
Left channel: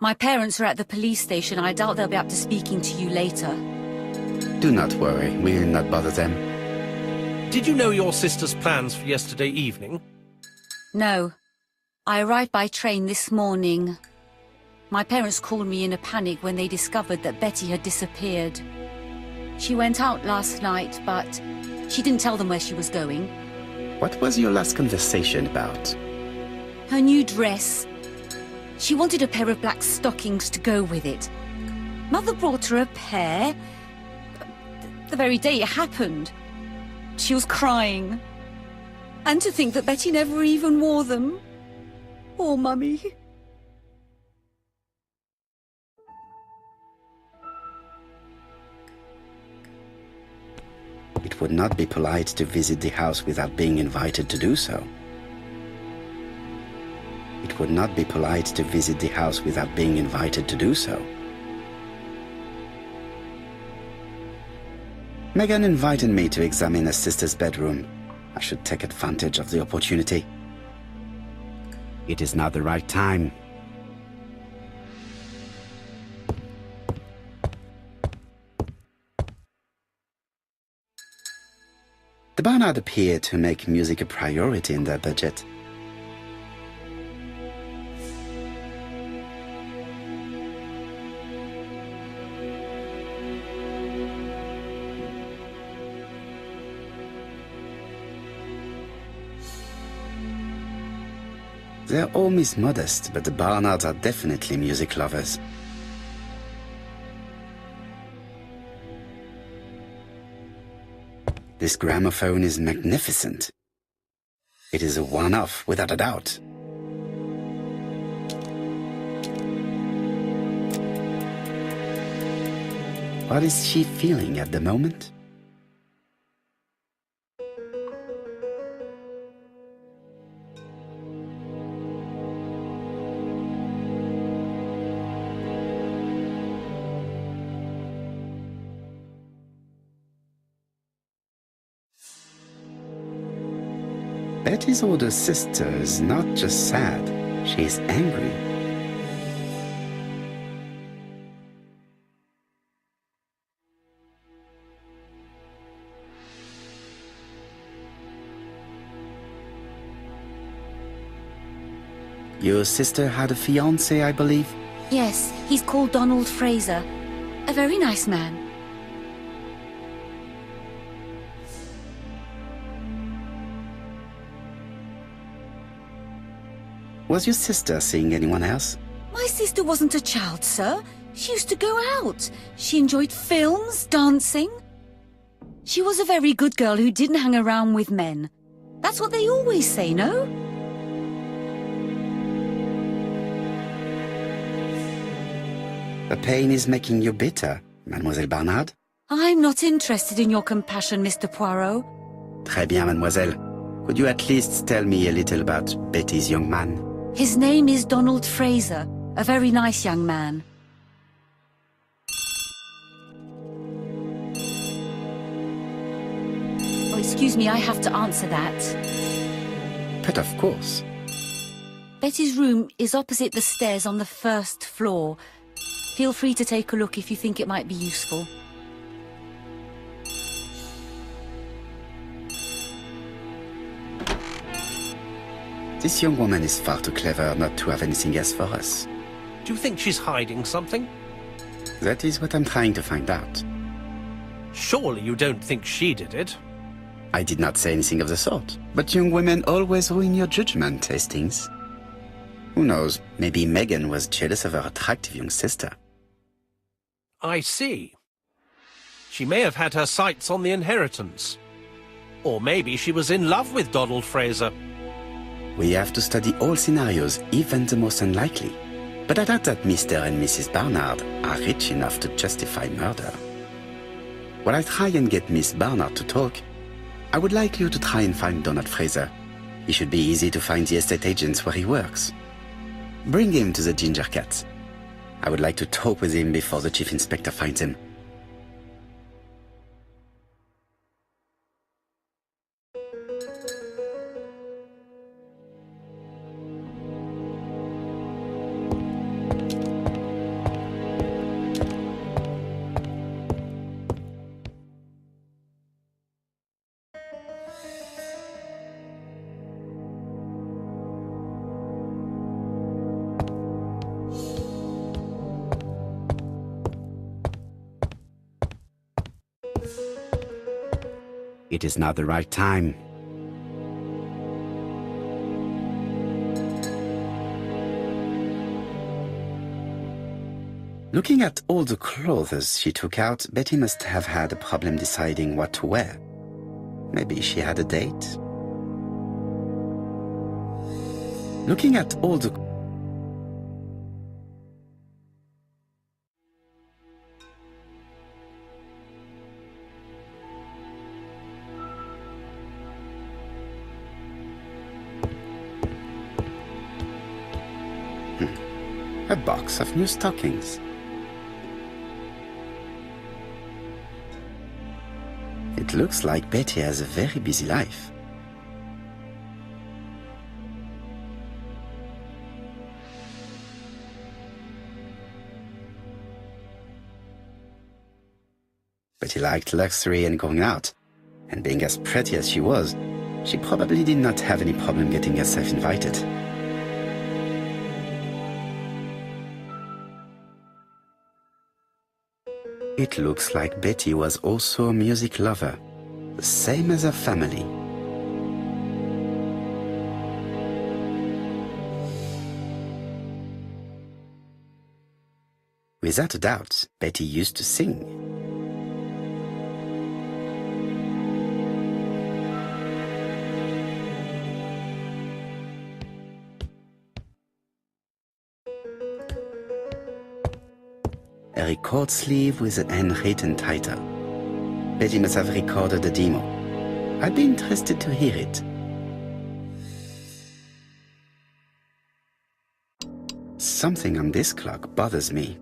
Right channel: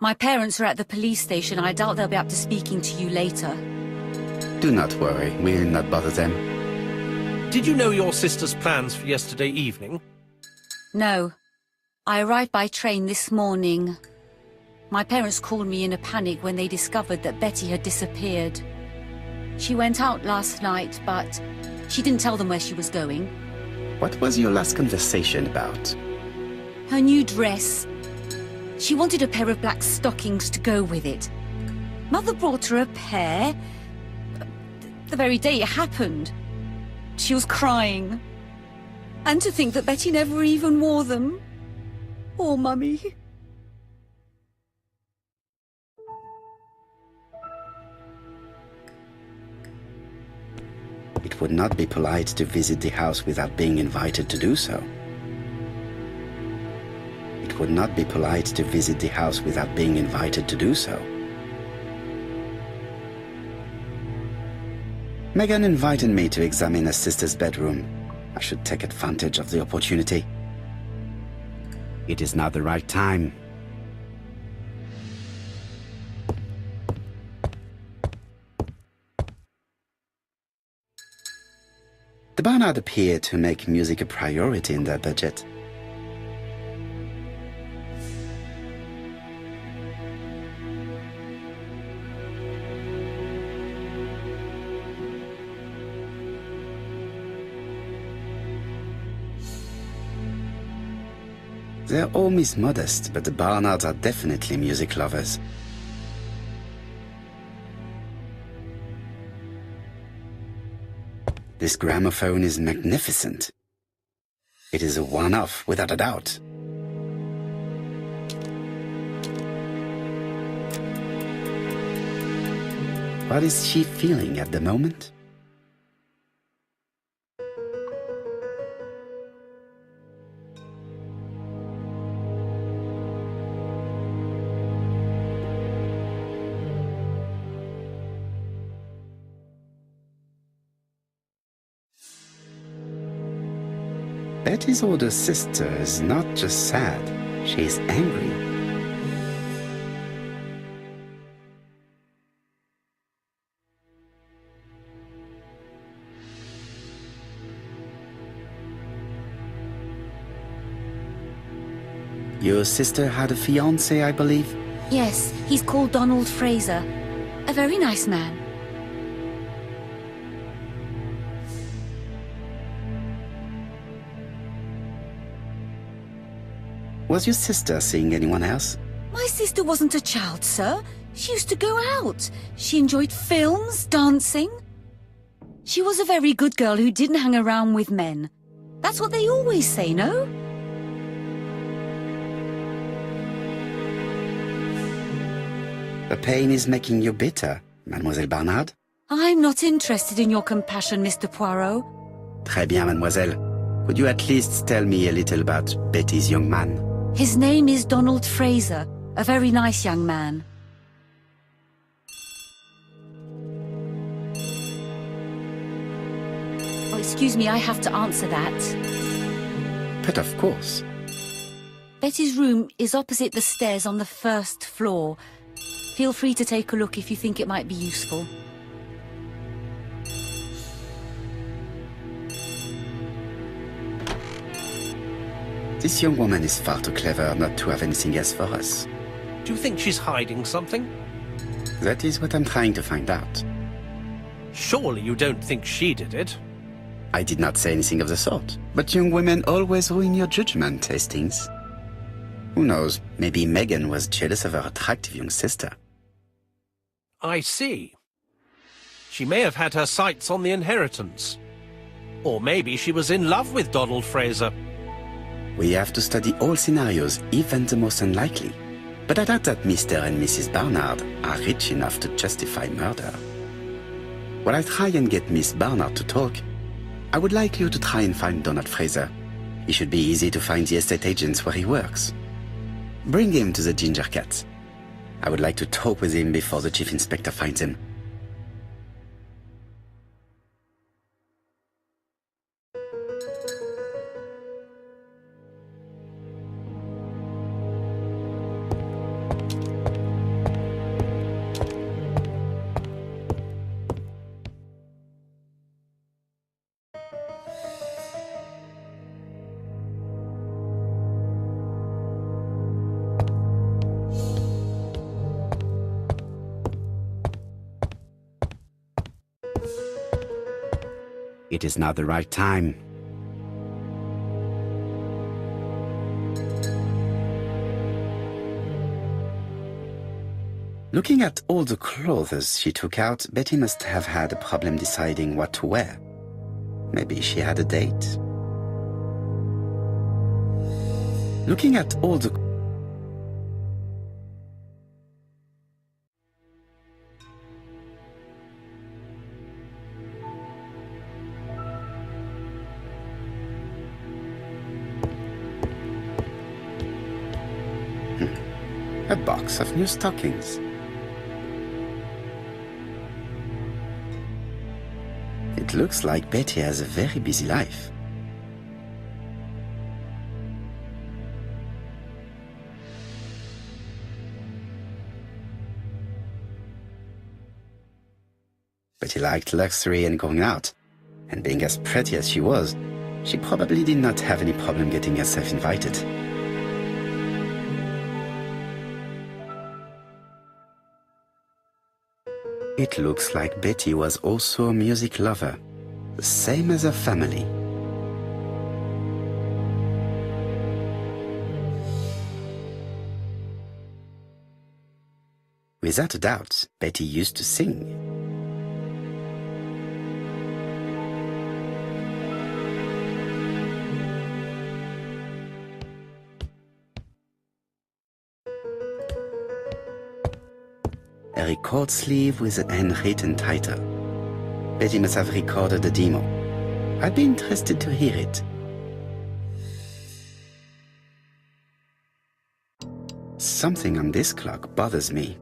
My parents are at the police station. I doubt they'll be up to speaking to you later. Do not worry, we will not bother them. Did you know your sister's plans for yesterday evening? No. I arrived by train this morning. My parents called me in a panic when they discovered that Betty had disappeared. She went out last night, but she didn't tell them where she was going. What was your last conversation about? Her new dress. She wanted a pair of black stockings to go with it. Mother brought her a pair. The very day it happened. She was crying. And to think that Betty never even wore them. Poor Mummy. It would not be polite to visit the house without being invited to do so. It would not be polite to visit the house without being invited to do so. Megan invited me to examine her sister's bedroom. I should take advantage of the opportunity. It is not the right time. The Barnard appear to make music a priority in their budget. Their home is modest, but the Barnards are definitely music lovers. This gramophone is magnificent. It is a one-off, without a doubt. What is she feeling at the moment? Betty's older sister is not just sad, she is angry. Your sister had a fiancé, I believe? Yes, he's called Donald Fraser. A very nice man. Was your sister seeing anyone else? My sister wasn't a child, sir. She used to go out. She enjoyed films, dancing. She was a very good girl who didn't hang around with men. That's what they always say, no? The pain is making you bitter, Mademoiselle Barnard. I'm not interested in your compassion, Mr. Poirot. Très bien, mademoiselle. Could you at least tell me a little about Betty's young man? His name is Donald Fraser, a very nice young man. Oh, excuse me, I have to answer that. But of course. Betty's room is opposite the stairs on the first floor. Feel free to take a look if you think it might be useful. This young woman is far too clever not to have anything else for us. Do you think she's hiding something? That is what I'm trying to find out. Surely you don't think she did it? I did not say anything of the sort. But young women always ruin your judgment, Hastings. Who knows, maybe Megan was jealous of her attractive young sister. I see. She may have had her sights on the inheritance. Or maybe she was in love with Donald Fraser. We have to study all scenarios, even the most unlikely. But I doubt that Mr. and Mrs. Barnard are rich enough to justify murder. While I try and get Miss Barnard to talk, I would like you to try and find Donald Fraser. It should be easy to find the estate agents where he works. Bring him to the Ginger Cat. I would like to talk with him before the Chief Inspector finds him. It is not the right time. Looking at all the clothes she took out, Betty must have had a problem deciding what to wear. Maybe she had a date. Looking at all the a box of new stockings. It looks like Betty has a very busy life. Betty liked luxury and going out, and being as pretty as she was, she probably did not have any problem getting herself invited. It looks like Betty was also a music lover, the same as her family. Without a doubt, Betty used to sing. A record sleeve with a handwritten title. Betty must have recorded the demo. I'd be interested to hear it. Something on this clock bothers me.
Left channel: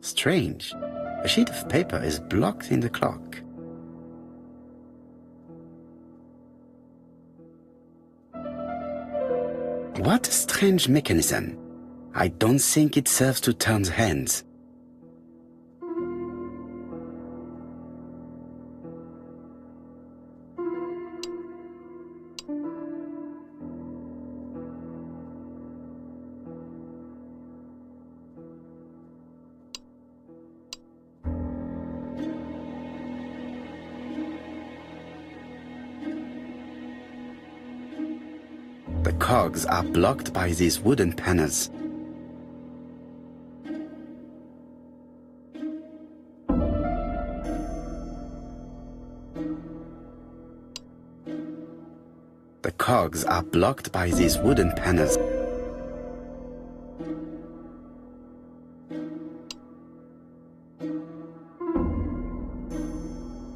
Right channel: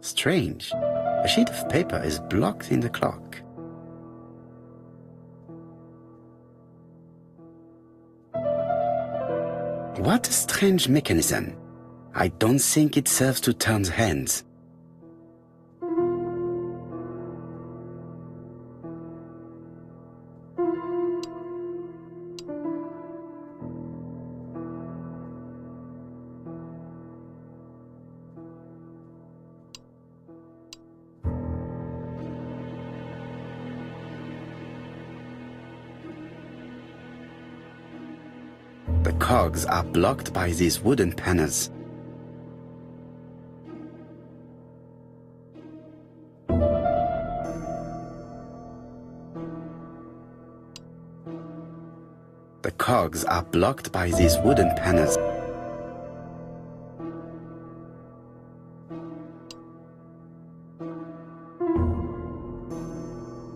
Strange. A sheet of paper is blocked in the clock. What a strange mechanism. I don't think it serves to turn the hands. The cogs are blocked by these wooden panels. The cogs are blocked by these wooden panels.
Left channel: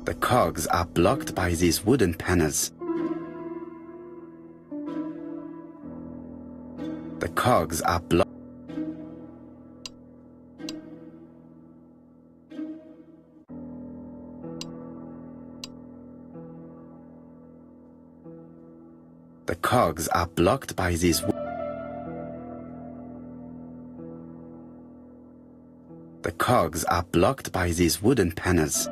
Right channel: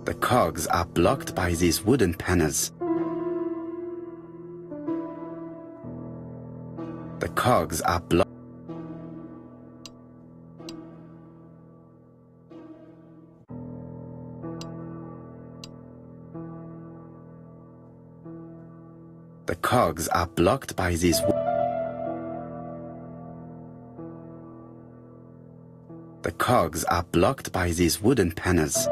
The cogs are blocked by these wooden panels. The cogs are blocked. The cogs are blocked by these. The cogs are blocked by these wooden panels.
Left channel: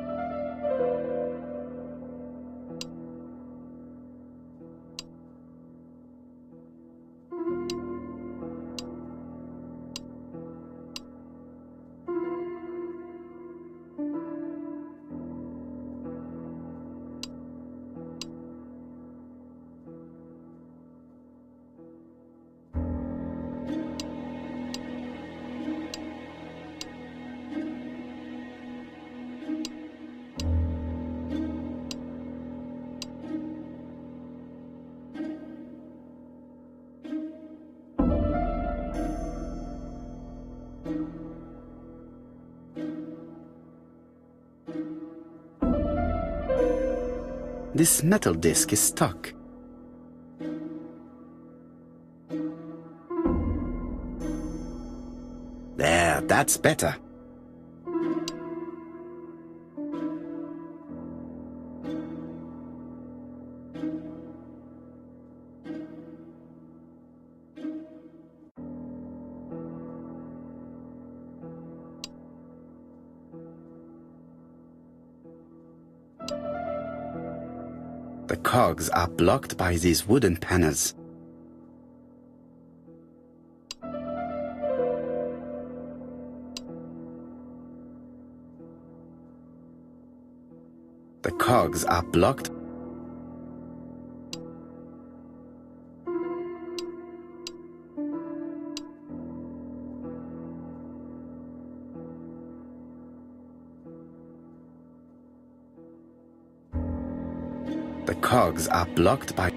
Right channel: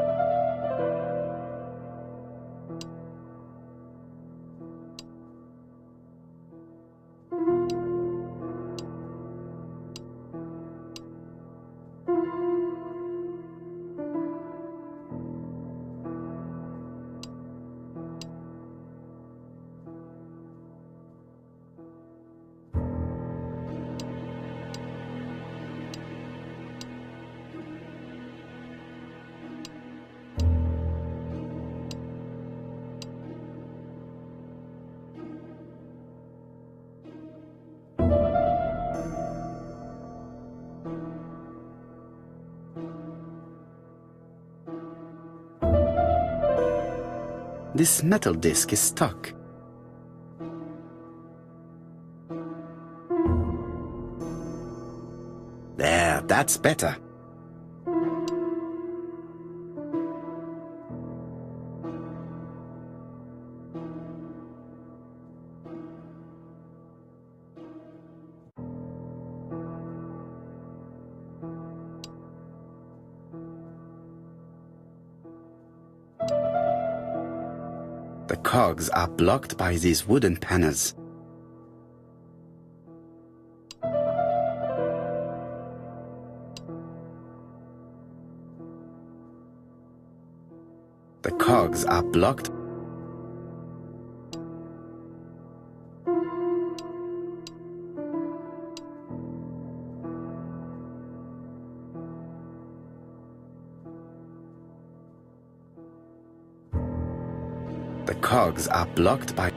This metal disc is stuck. There, that's better. The cogs are blocked by these wooden panels. The cogs are blocked. The cogs are blocked by.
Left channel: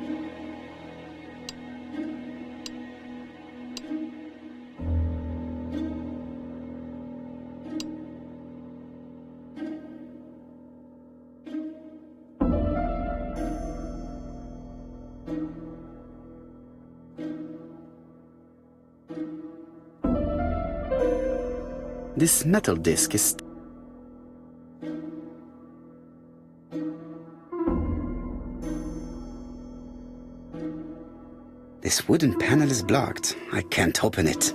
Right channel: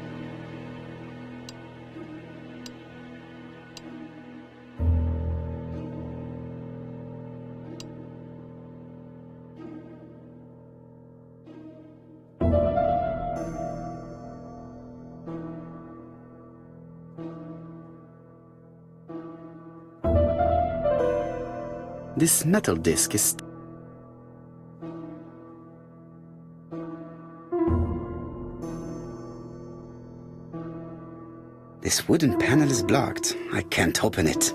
This metal disc is. This wooden panel is blocked. I can't open it.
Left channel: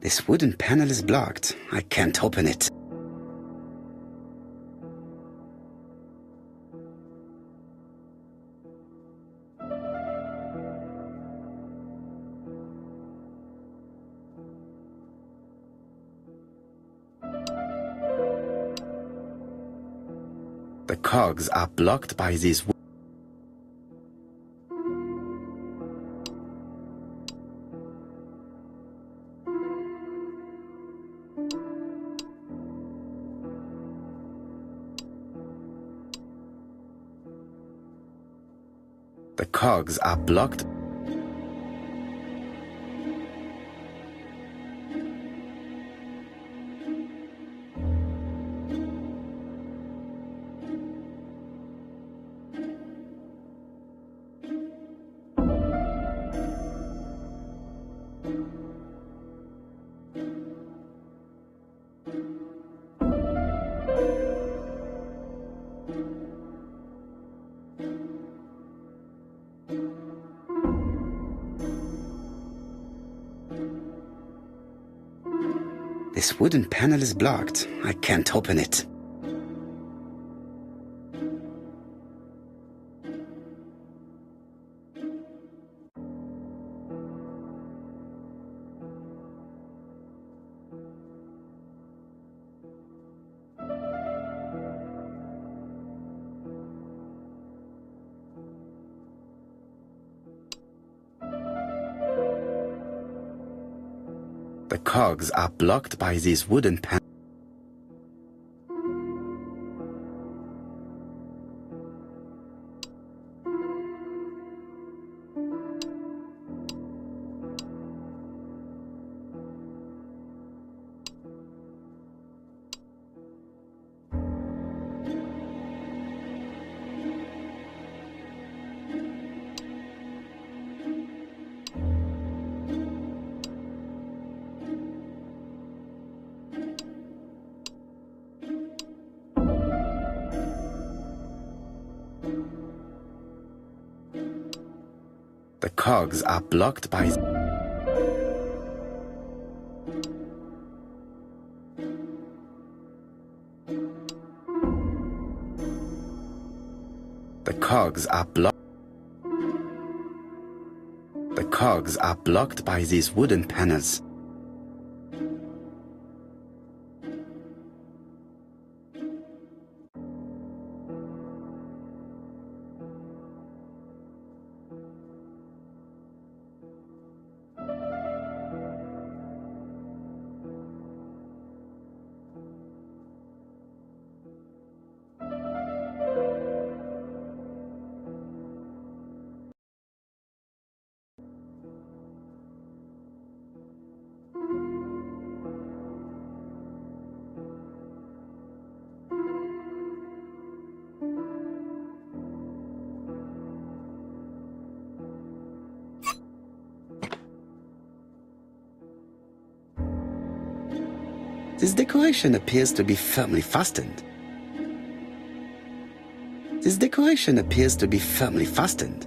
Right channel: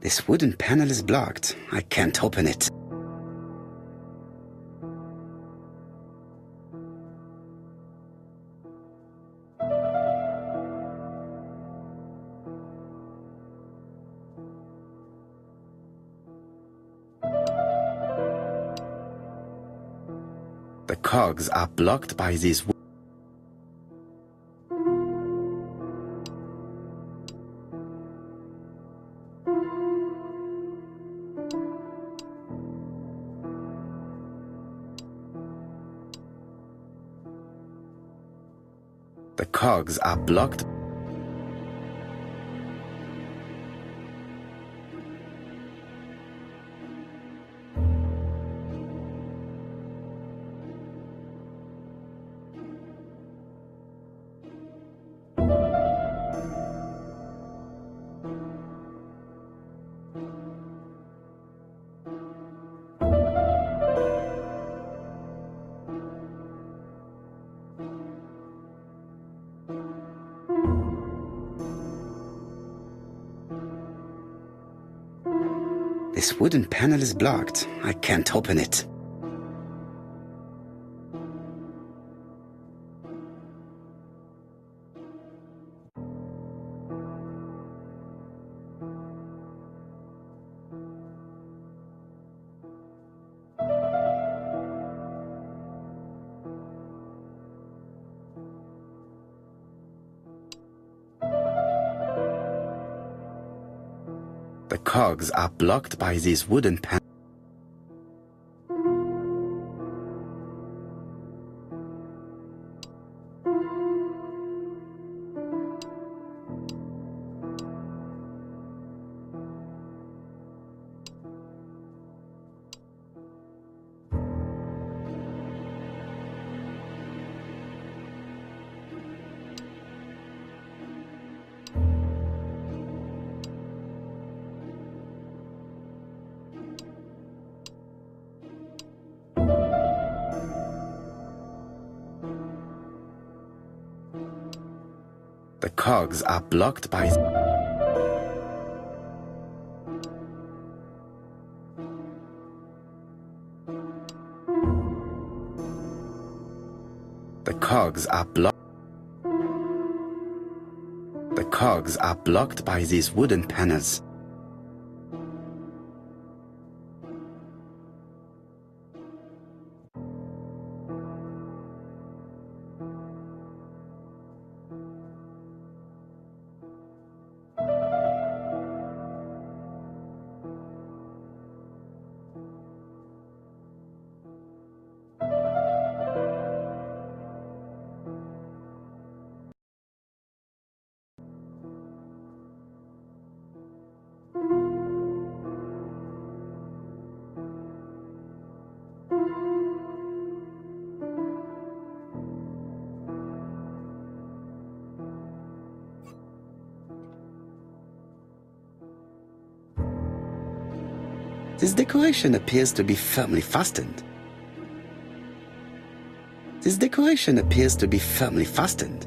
This wooden panel is blocked. I can't open it. The cogs are blocked by these. The cogs are blocked. This wooden panel is blocked. I can't open it. The cogs are blocked by these wooden panels. The cogs are blocked by... The cogs are blocked. The cogs are blocked by these wooden panels. This decoration appears to be firmly fastened. This decoration appears to be firmly fastened.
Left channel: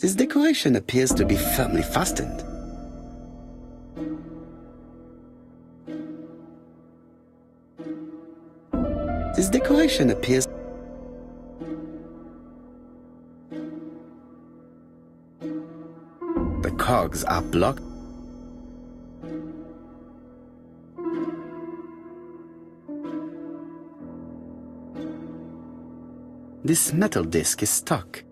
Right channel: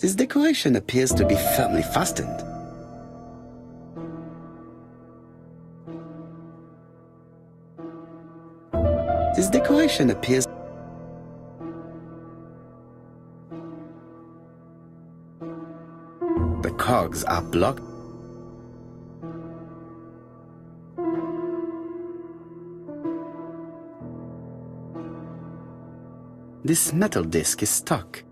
This decoration appears to be firmly fastened. This decoration appears... The cogs are blocked. This metal disc is stuck.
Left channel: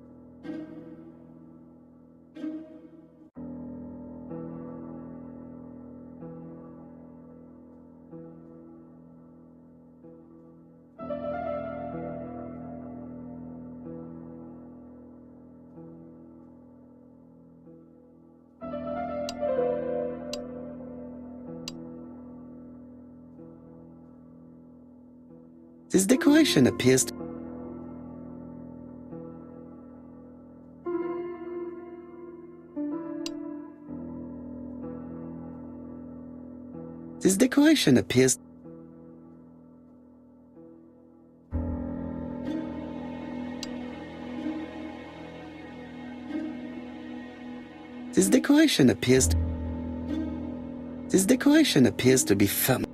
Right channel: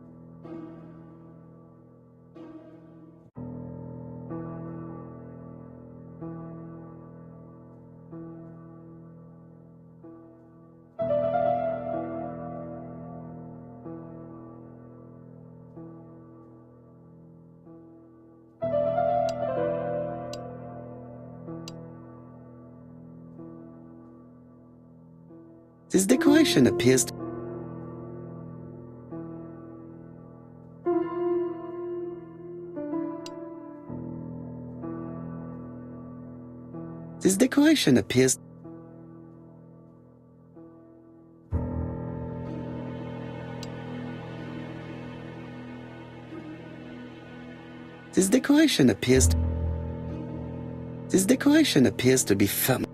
This decoration appears to... This decoration appears... This decoration appears... This decoration appears to be firm.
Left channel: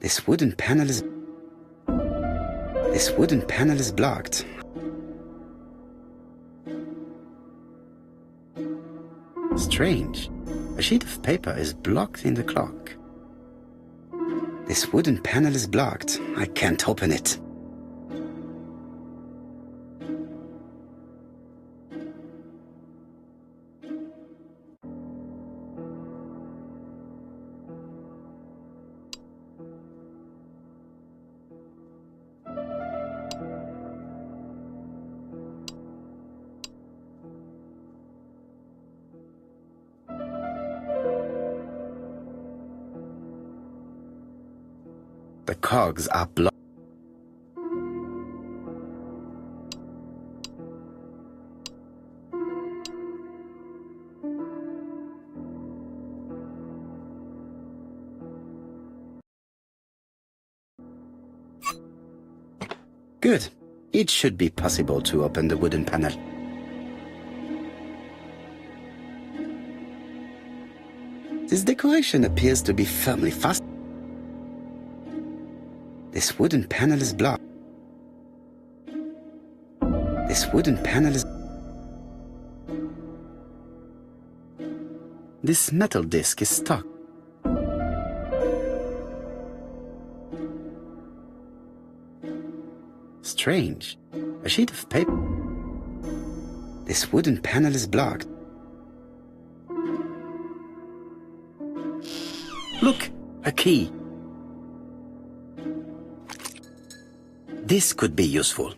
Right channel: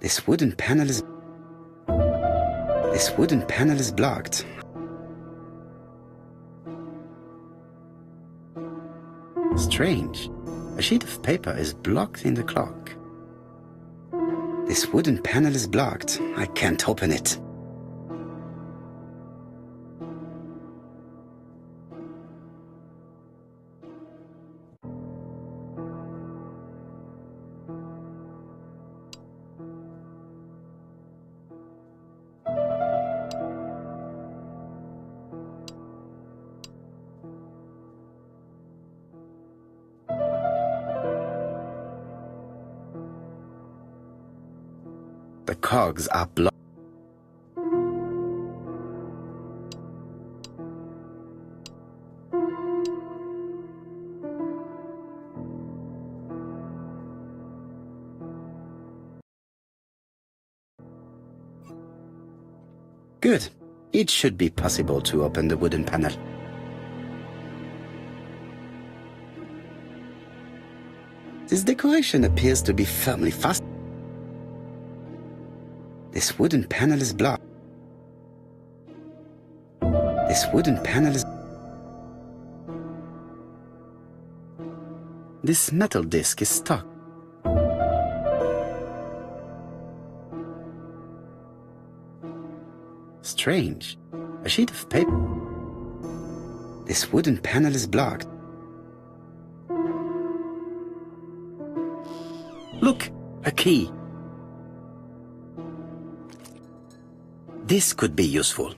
This wooden panel is... This wooden panel is blocked. Strange. A sheet of paper is blocked in the clock. This wooden panel is blocked. I can't open it. The cogs are blocked. Good. It should be possible to open the wooden panel. This decoration appears to be firmly fastened. This wooden panel is blocked. This wooden panel is... This metal disc is stuck. Strange. A sheet of paper. This wooden panel is blocked. Look, a key. This could be useful.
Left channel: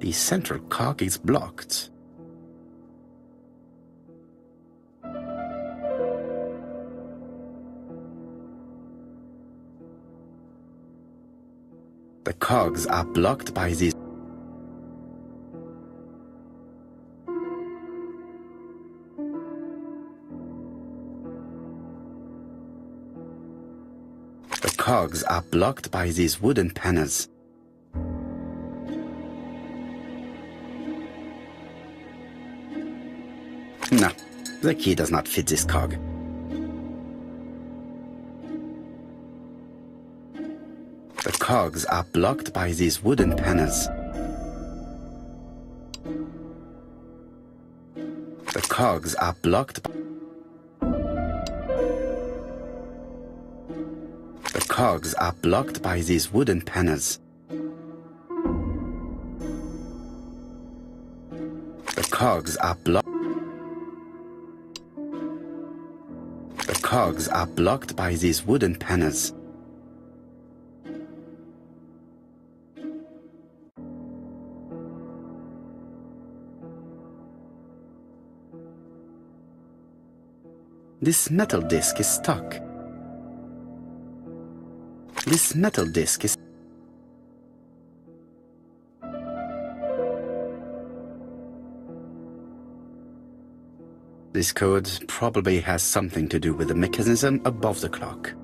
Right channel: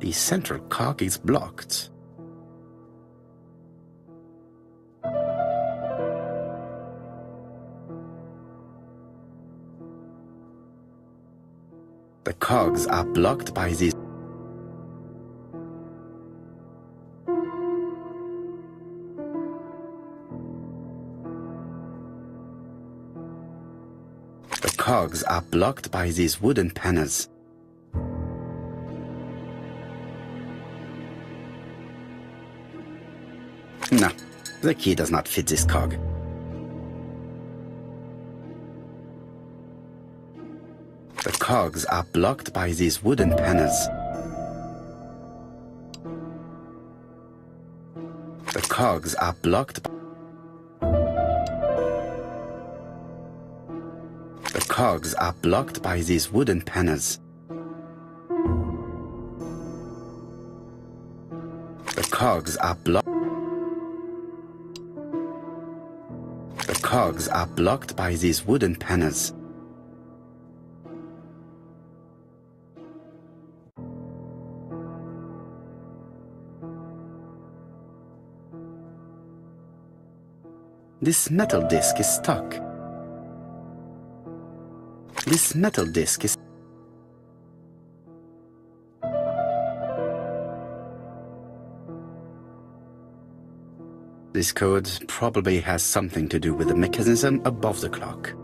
The central cog is blocked. The cogs are blocked by this. The cogs are blocked by these wooden panels. No, the key does not fit this cog. The cogs are blocked by these wooden panels. The cogs are blocked by... The cogs are blocked by these wooden panels. The cogs are blocked... The cogs are blocked by these wooden panels. This metal disc is stuck. This metal disc is... This code probably has something to do with the mechanism above the clock.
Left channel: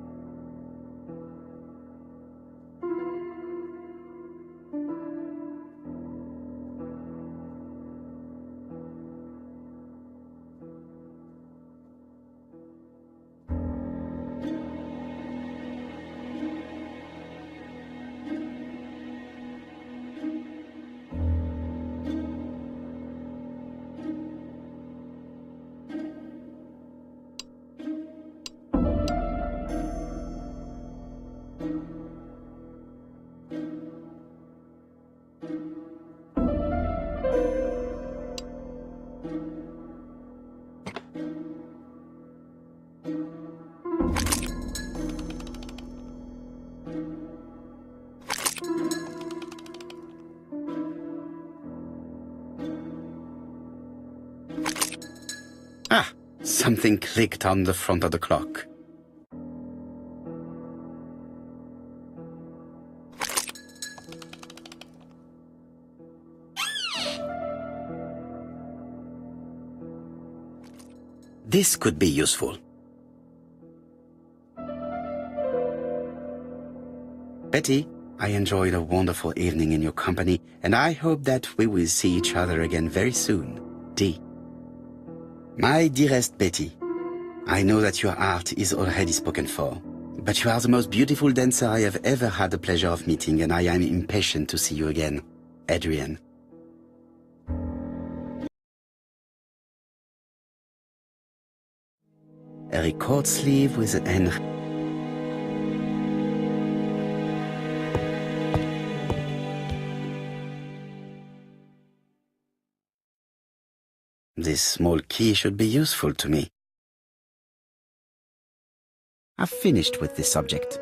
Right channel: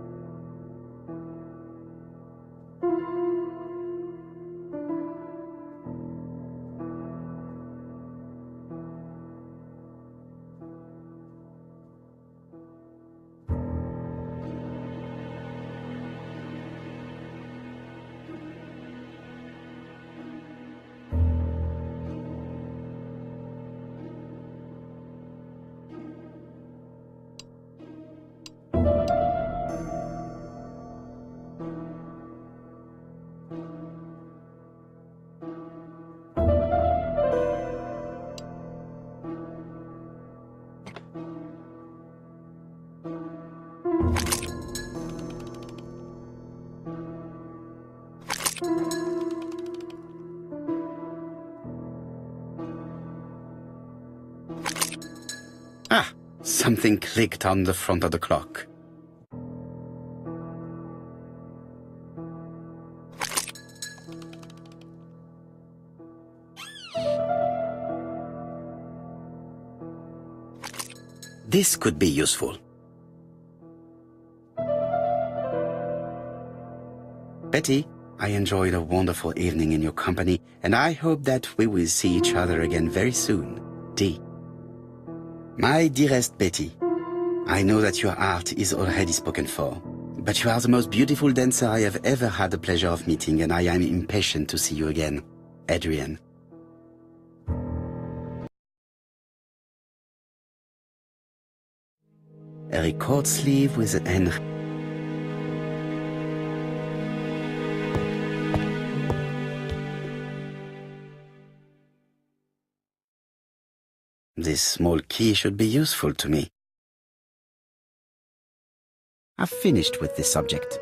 Ah, something clicked on the front of the clock. This could be useful. Betty, I enjoyed a wonderful evening in your company, and I hope that we will see each other again very soon. D. My dearest Betty, I know that your art is already spoken for, but you are the most beautiful dancer I have ever had the pleasure of meeting, and I am impatient to see you again. Adrian. A record sleeve with an N. This small key should be useful to me. I've finished with this subject.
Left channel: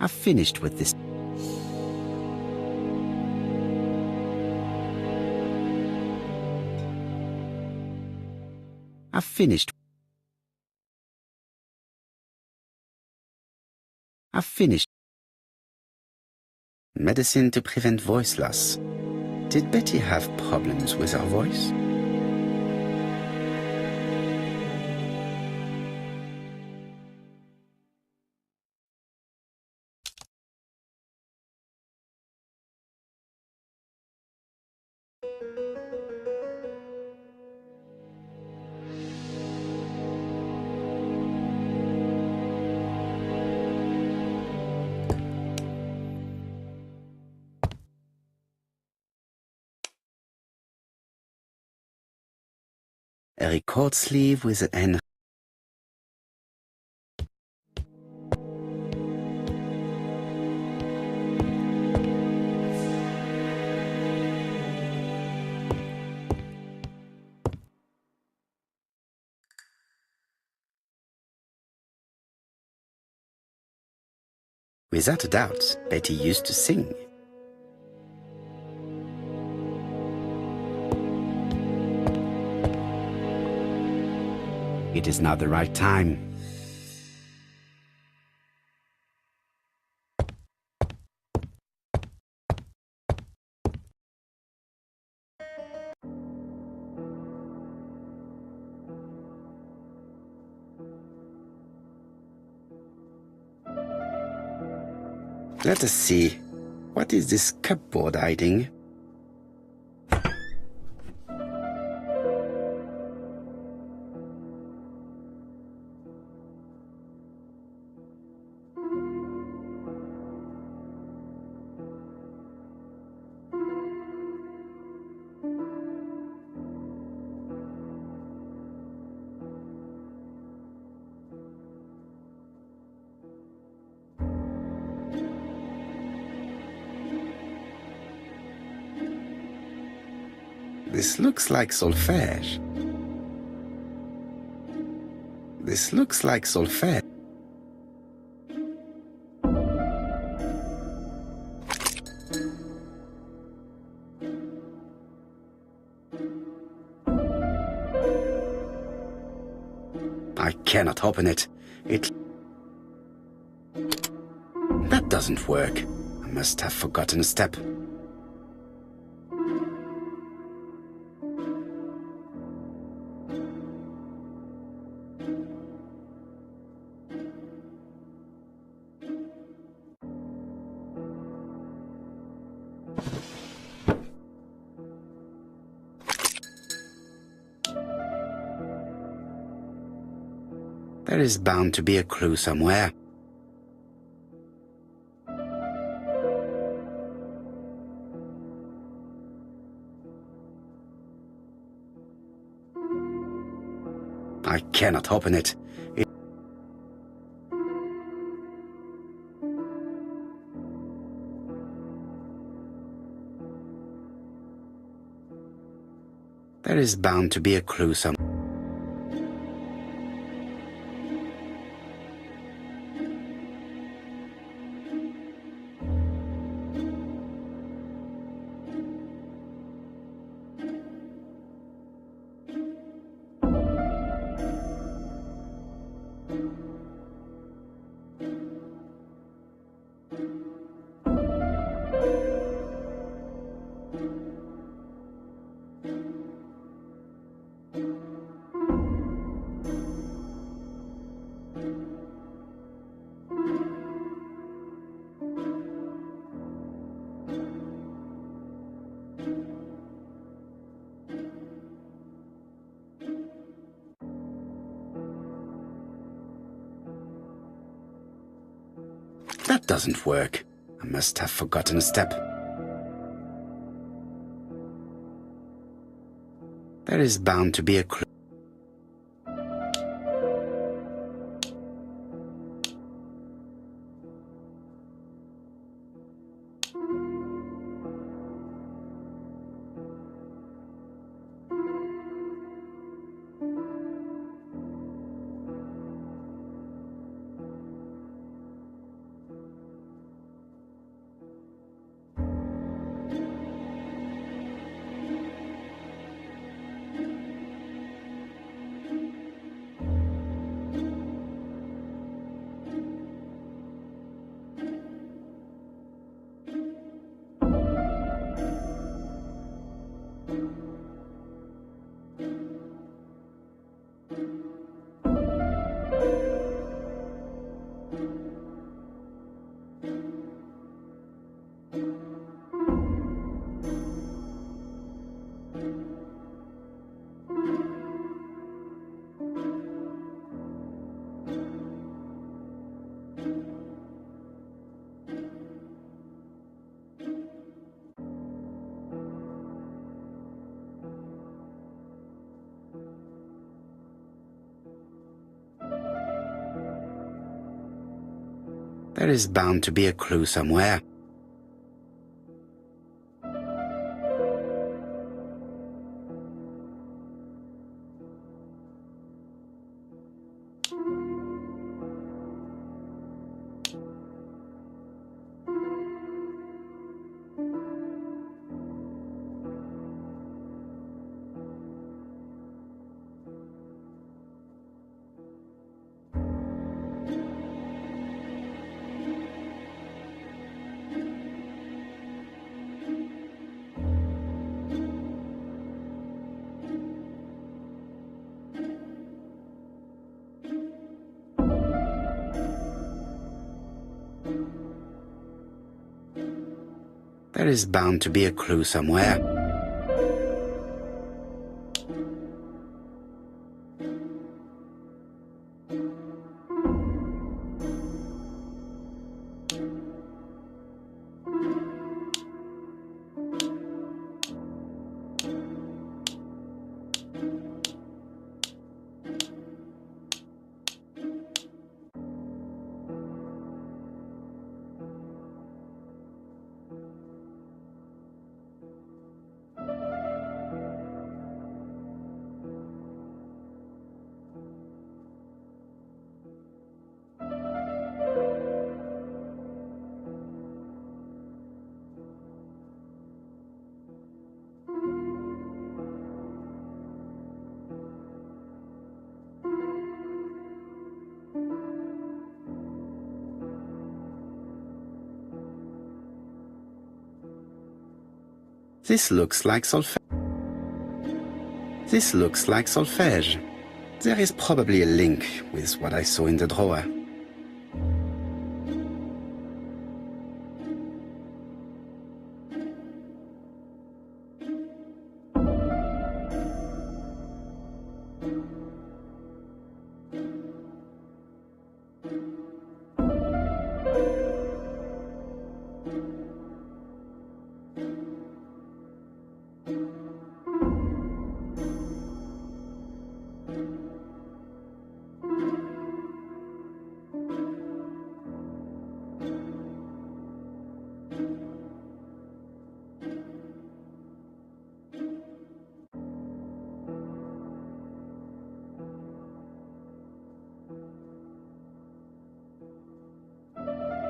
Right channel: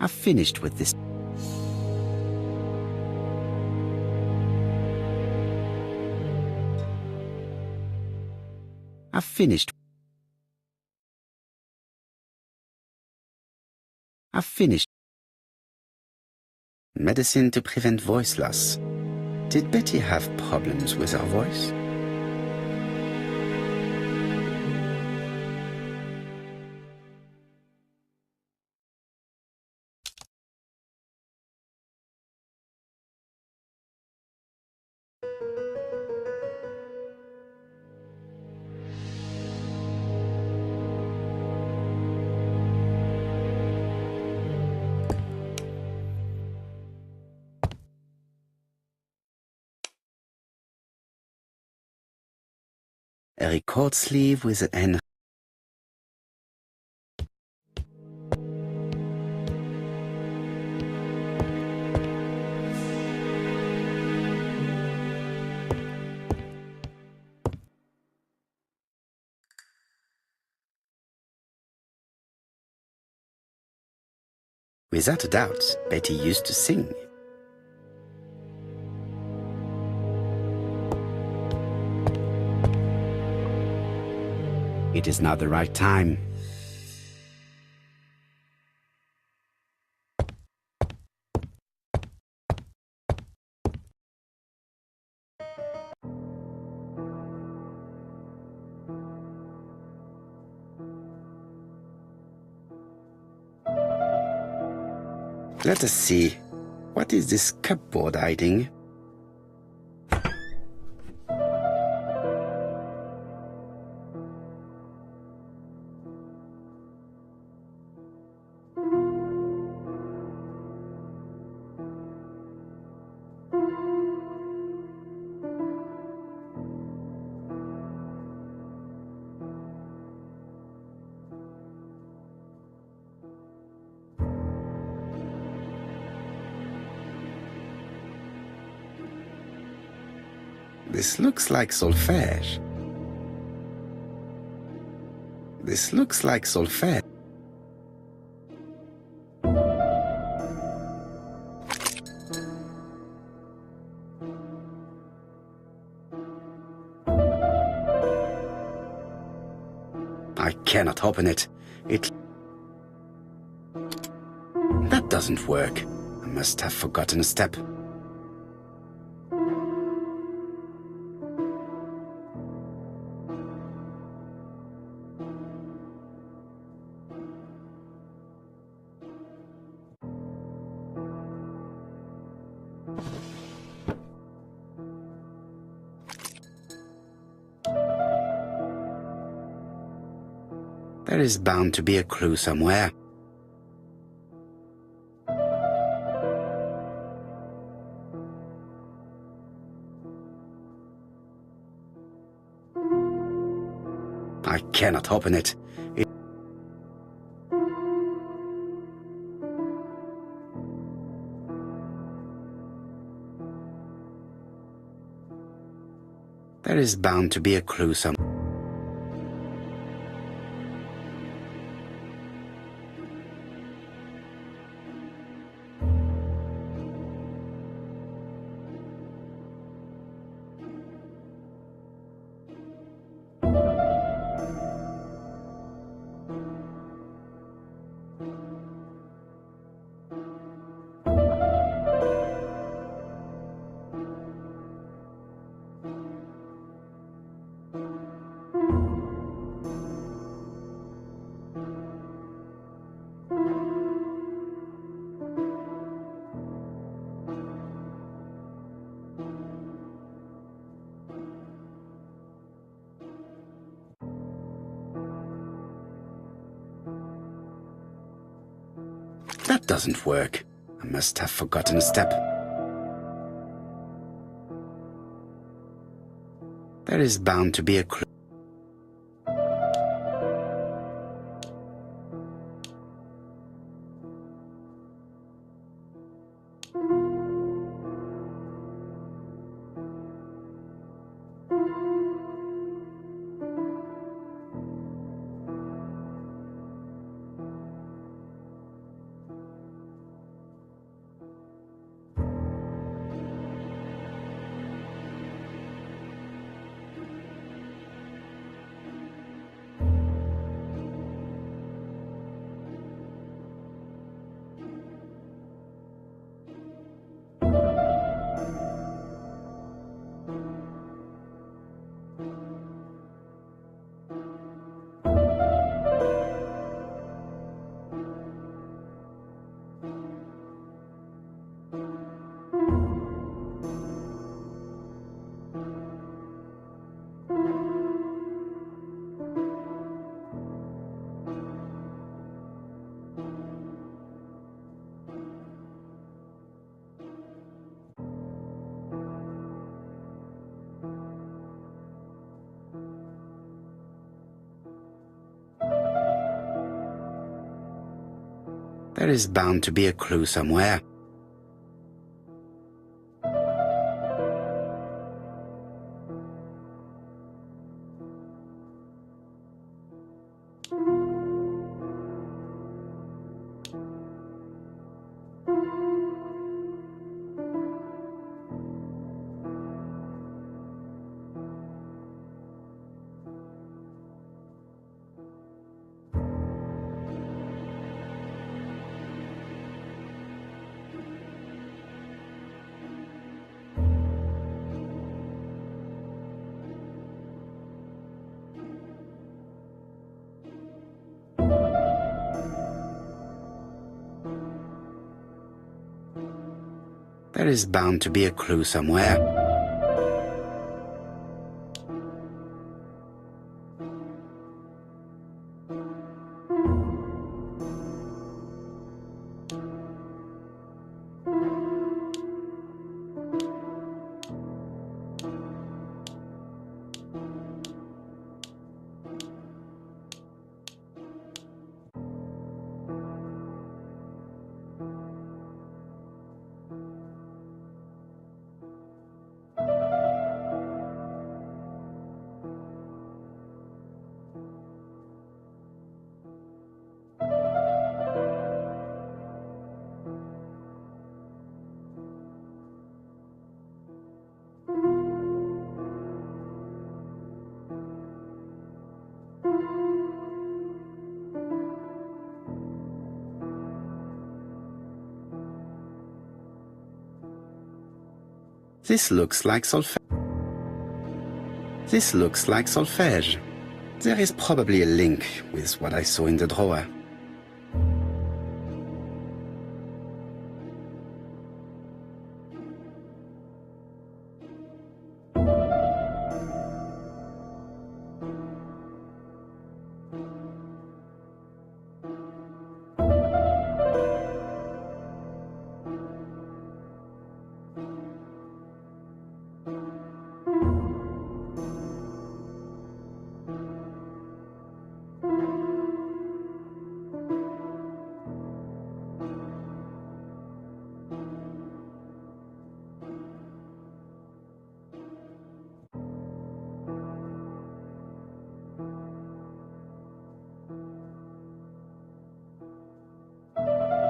I've finished with this. I've finished. I've finished. Medicine to prevent voice loss. Did Betty have problems with her voice? A record sleeve with an Without a doubt, Betty used to sing. It is now the right time. Let us see. What is this cupboard hiding? This looks like solfège. This looks like solfège. I cannot open it. That doesn't work. I must have forgotten a step. There is bound to be a clue somewhere. I cannot open it. There is bound to be a clue somewhere. That doesn't work. I must have forgotten a step. There is bound to be a clue. There is bound to be a clue somewhere. There is bound to be a clue somewhere. This looks like solfège. This looks like solfège. There is probably a link with what I saw in the drawer.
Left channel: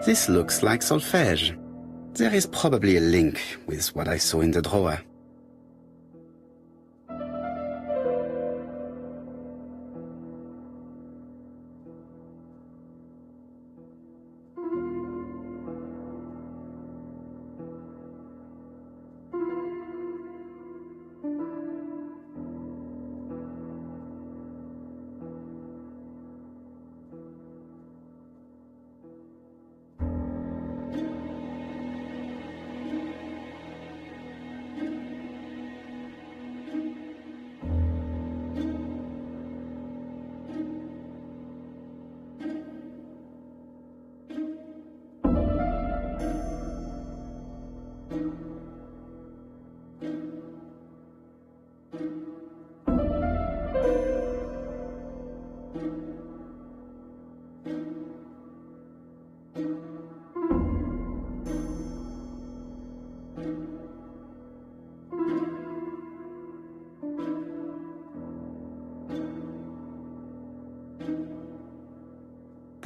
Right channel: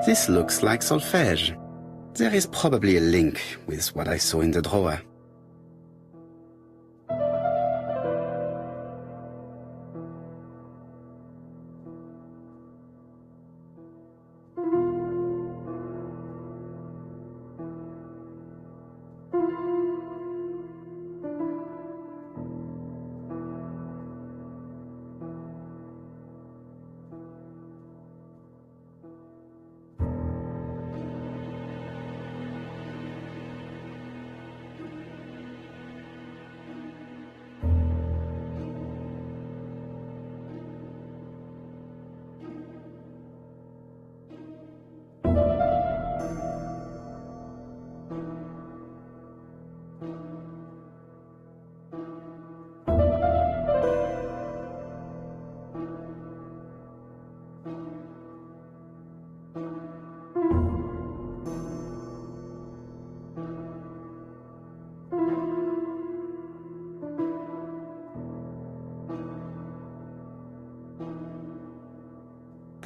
This looks like solfège. There is probably a link with what I saw in the drawer.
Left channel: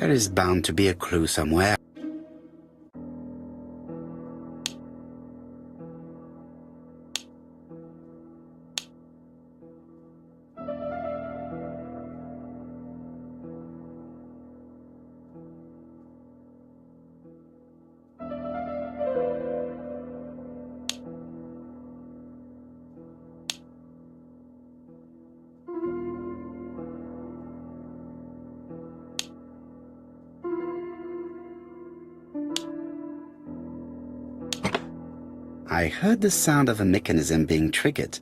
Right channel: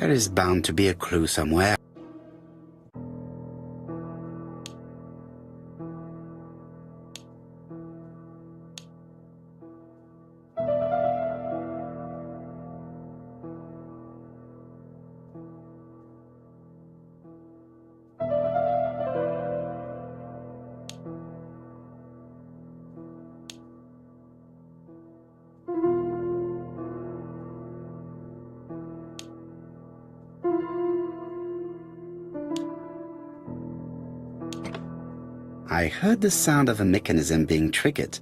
There is bound to be a clue somewhere. I heard the sound of a mechanism being triggered.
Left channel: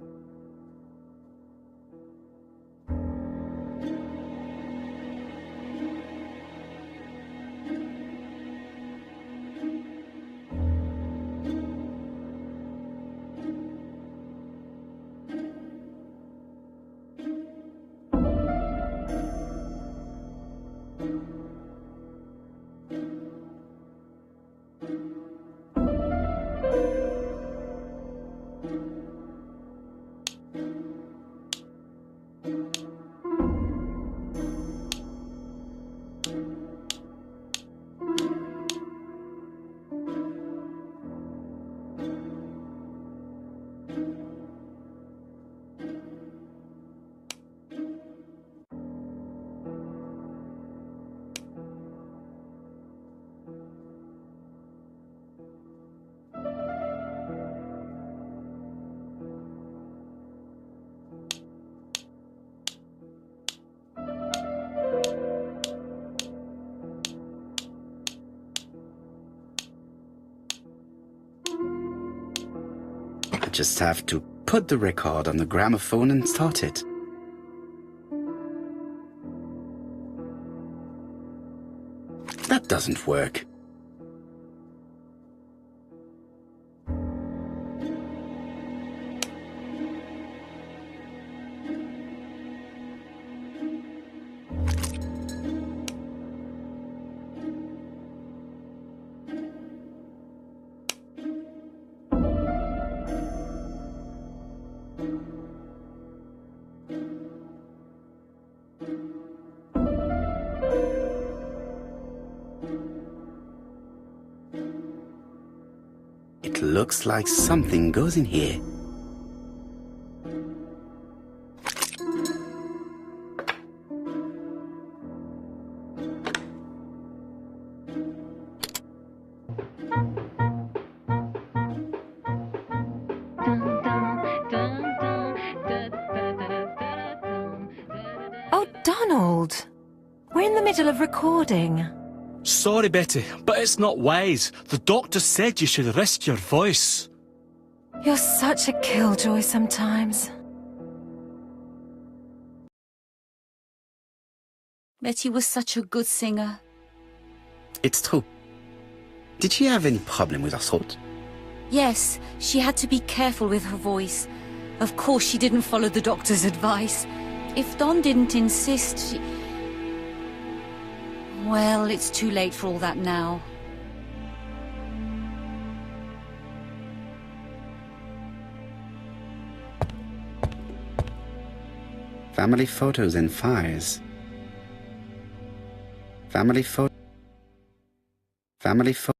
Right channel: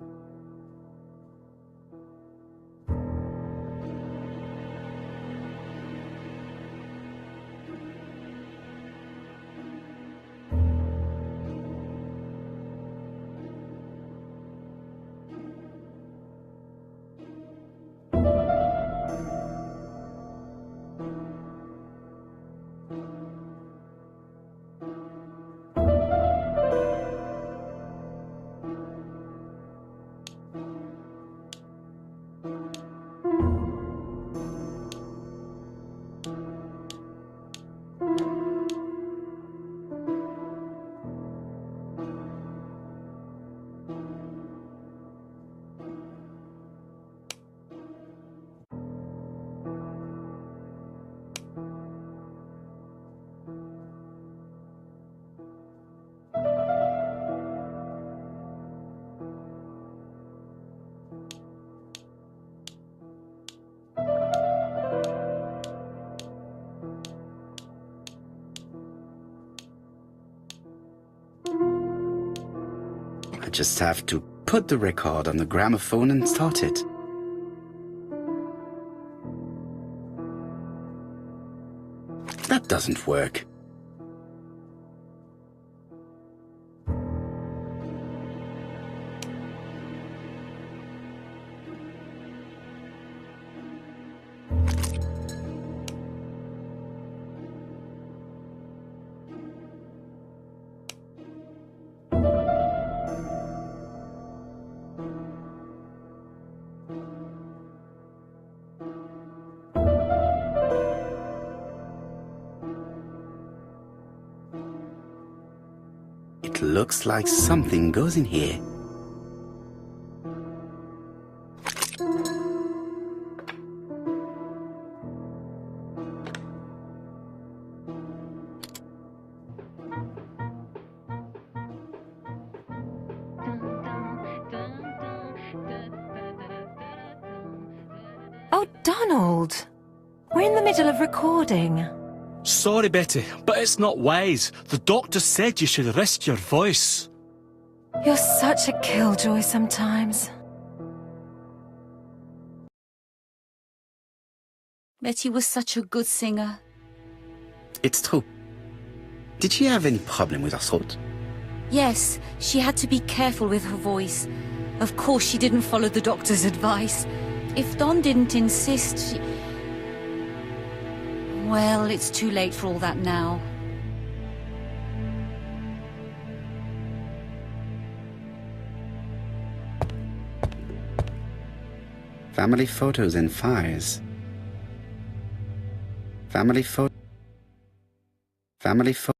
I just have to put the record on the gramophone and start it. That doesn't work. It looks like something goes in here. Oh, Donald! We're in the middle of recording. Sorry, Betty, but it's not wise. The doctor said you should rest your voice. You're such a killjoy sometimes. Betty was such a good singer. It's true. Did she have any problem with her throat? Yes, she had to be careful with her voice. Of course, she didn't follow the doctor's advice. If Don didn't insist, she... Well, it's too late for all that now. Family photos and files. Family photo. Family photo.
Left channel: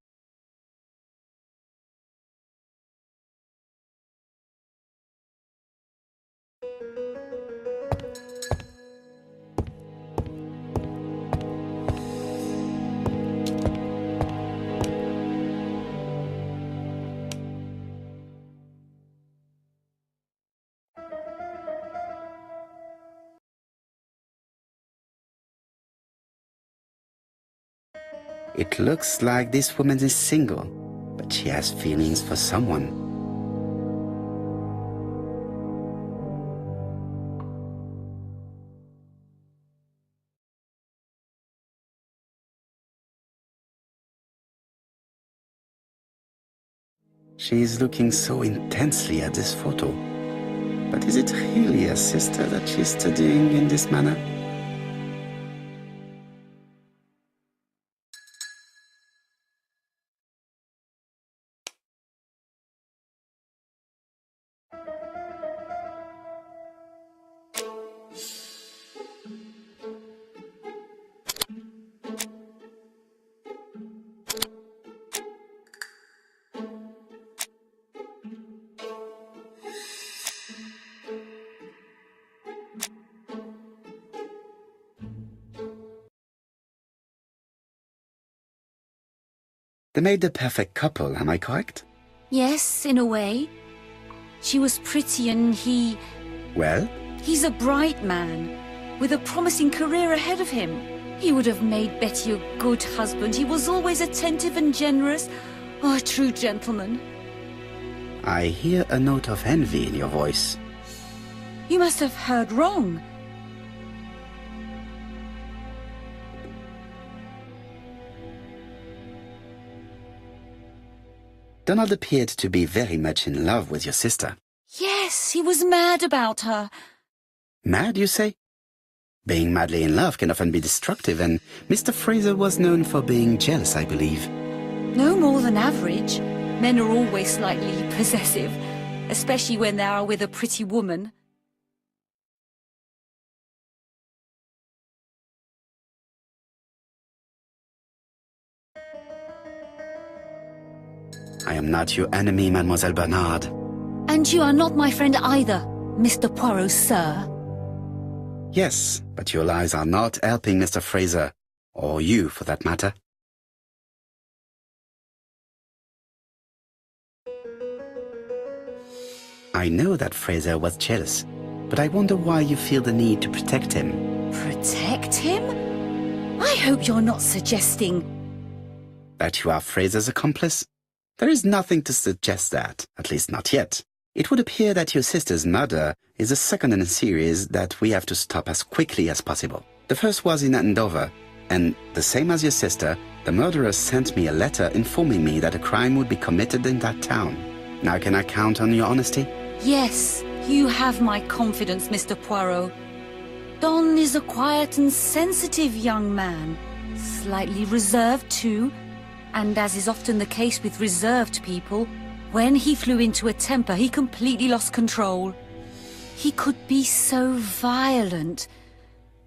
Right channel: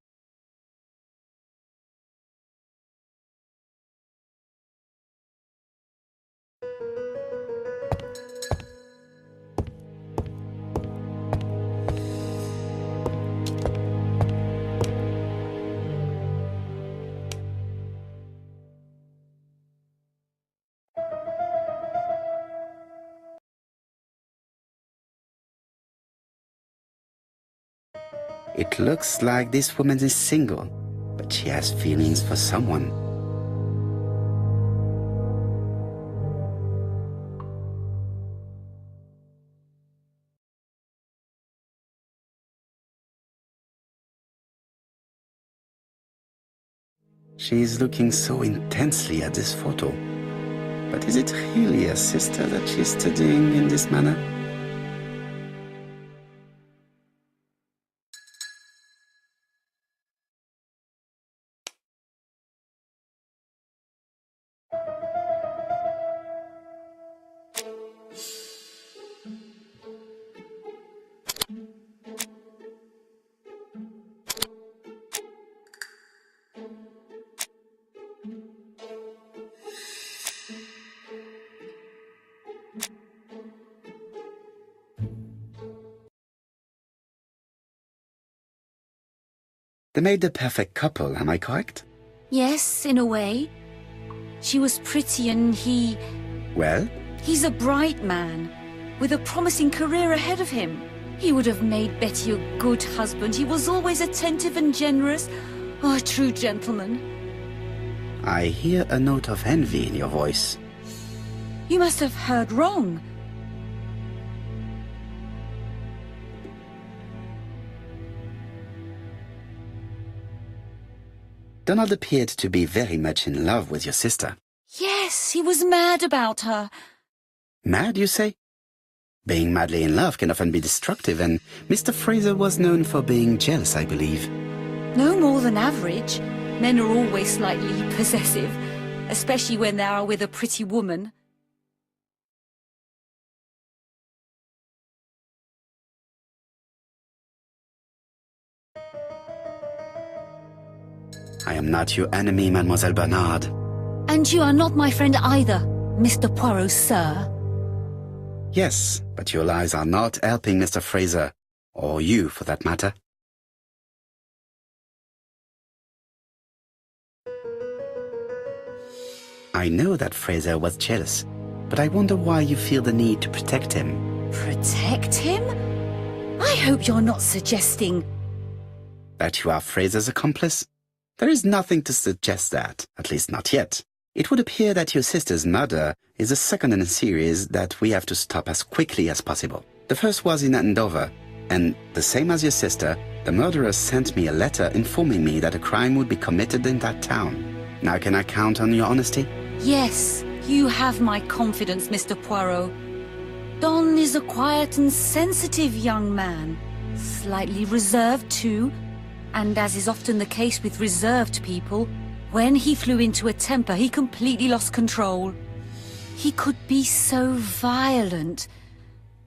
It looks like this woman is single, but she has feelings for someone. She is looking so intensely at this photo. But is it really her sister that she is studying in this manner? They made the perfect couple, am I correct? Yes, in a way. She was pretty and he... Well? He's a bright man, with a promising career ahead of him. He would have made Betty a good husband. He was always attentive and generous. Oh, a true gentleman. I hear a note of envy in your voice. You must have heard wrong. Donald appeared to be very much in love with your sister. Yes, he was mad about her. Mad, you say? Being madly in love can often be destructive, and Mr. Fraser was known for being jealous, I believe. No more than average. Men are always slightly possessive, especially when they are with a pretty woman. I am not your enemy, Mademoiselle Bernard. And you are not my friend either, Mr. Poirot, sir. Yes, but your lies are not helping Mr. Fraser, or you for that matter. I know that Fraser was jealous, but I wonder why you feel the need to protect him. Protect him? I hope you're not suggesting... That you are Fraser's accomplice? There is nothing to suggest that, at least not yet. It would appear that your sister's murder is the second in a series that we have to stop as quickly as possible. The first was in Andover, and the same as your sister, the murderer sent me a letter informing me that a crime would be committed in that town. Now can I count on your honesty? Yes, you have my confidence, Mr. Poirot. Don is a quiet and sensitive young man. Slightly reserved, too. And as is often the case with reserved people, when he flew into a temper, he completely lost control. He could be so violent.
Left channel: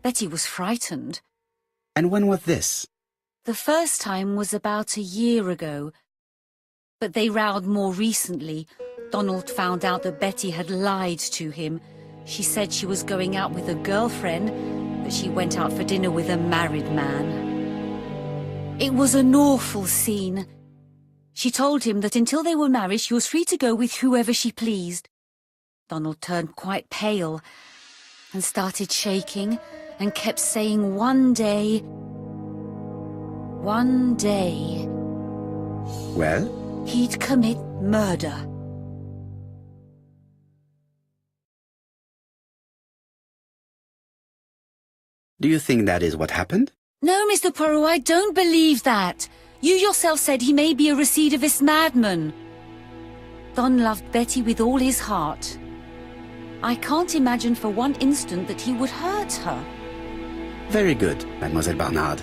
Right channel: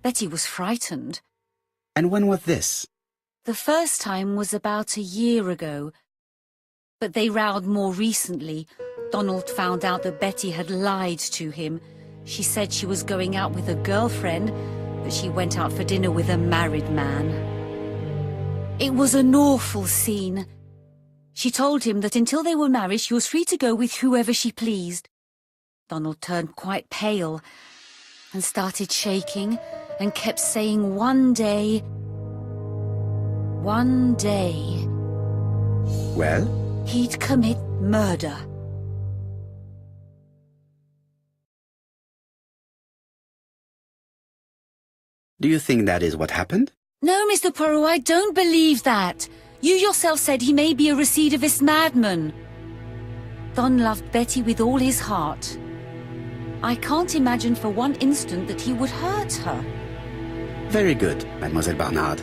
Betty was frightened. And when was this? The first time was about a year ago. But they rowed more recently. Donald found out that Betty had lied to him. She said she was going out with a girlfriend, but she went out for dinner with a married man. It was an awful scene. She told him that until they were married, she was free to go with whoever she pleased. Donald turned quite pale and started shaking and kept saying one day. Well? He'd commit murder. Do you think that is what happened? No, Mr. Poirot, I don't believe that. You yourself said he may be a recidivist madman. Don loved Betty with all his heart. I can't imagine for one instant that he would hurt her. Very good, Mademoiselle Barnard.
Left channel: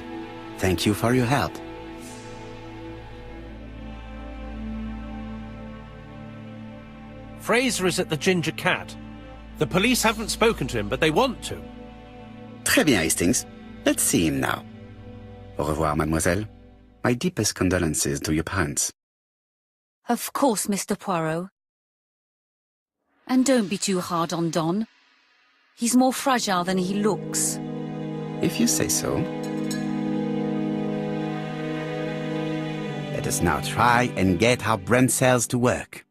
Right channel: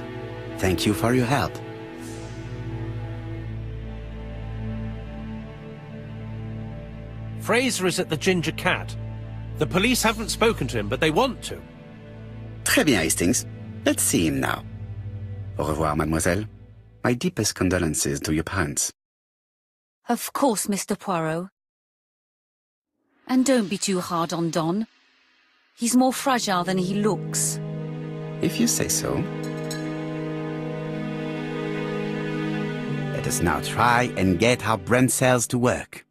Thank you for your help. Fraser is at the Ginger Cat. The police haven't spoken to him, but they want to. Très bien, Hastings. Let's see him now. Au revoir, mademoiselle. My deepest condolences to your parents. Of course, Mr. Poirot. And don't be too hard on Don. He's more fragile than he looks. If you say so. Let us now try and get our brain cells to work.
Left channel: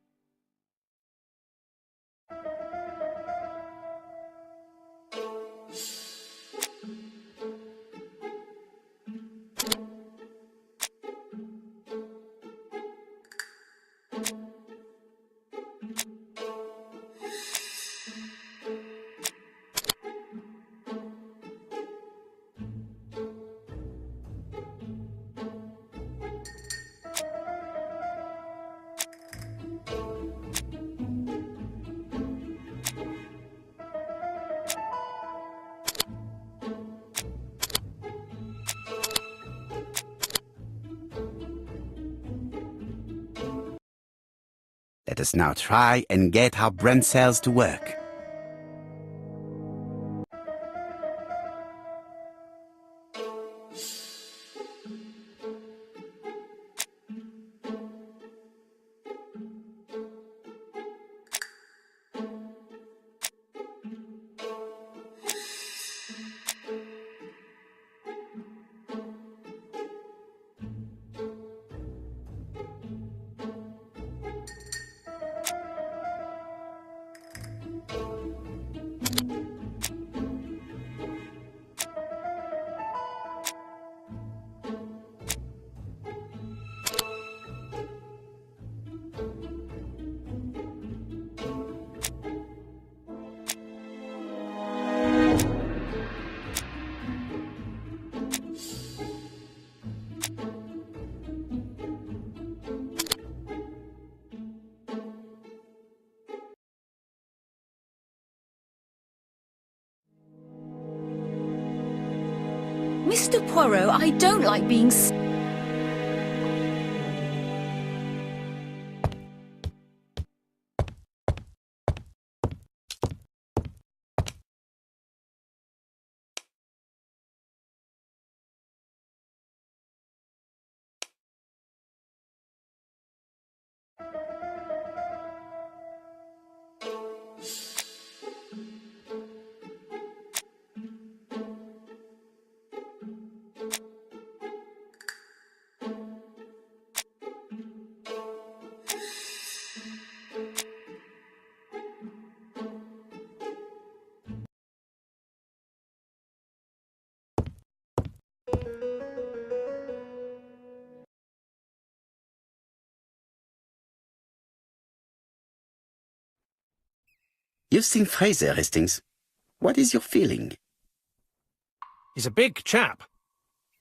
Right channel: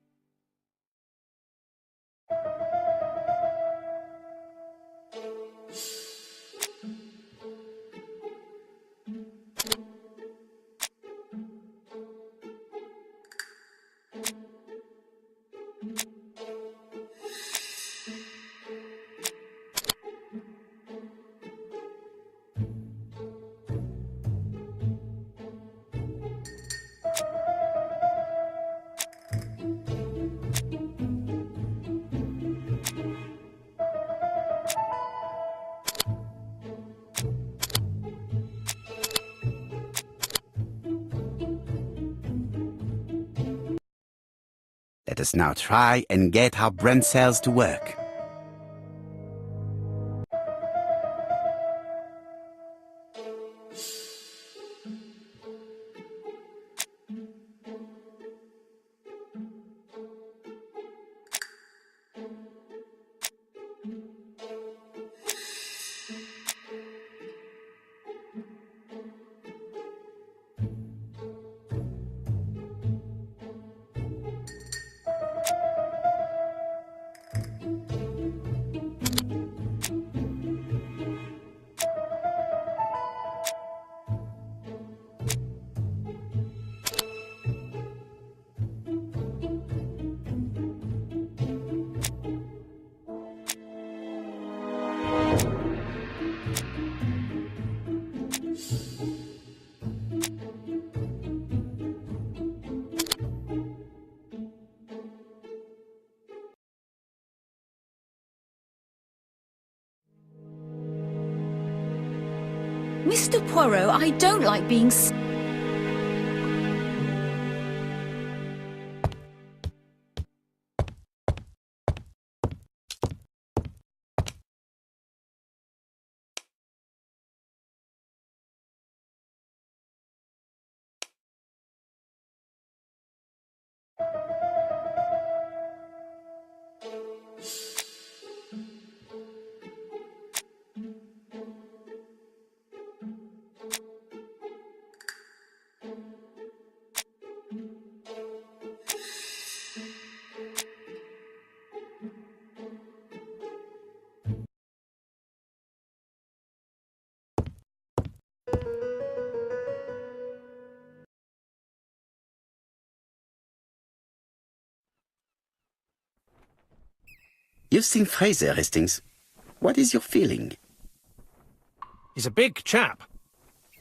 Let us now try and get our brain cells to work. Mr. Poirot, I don't like being... You've seen Fraser, Hastings. What is your feeling? He's a big chap.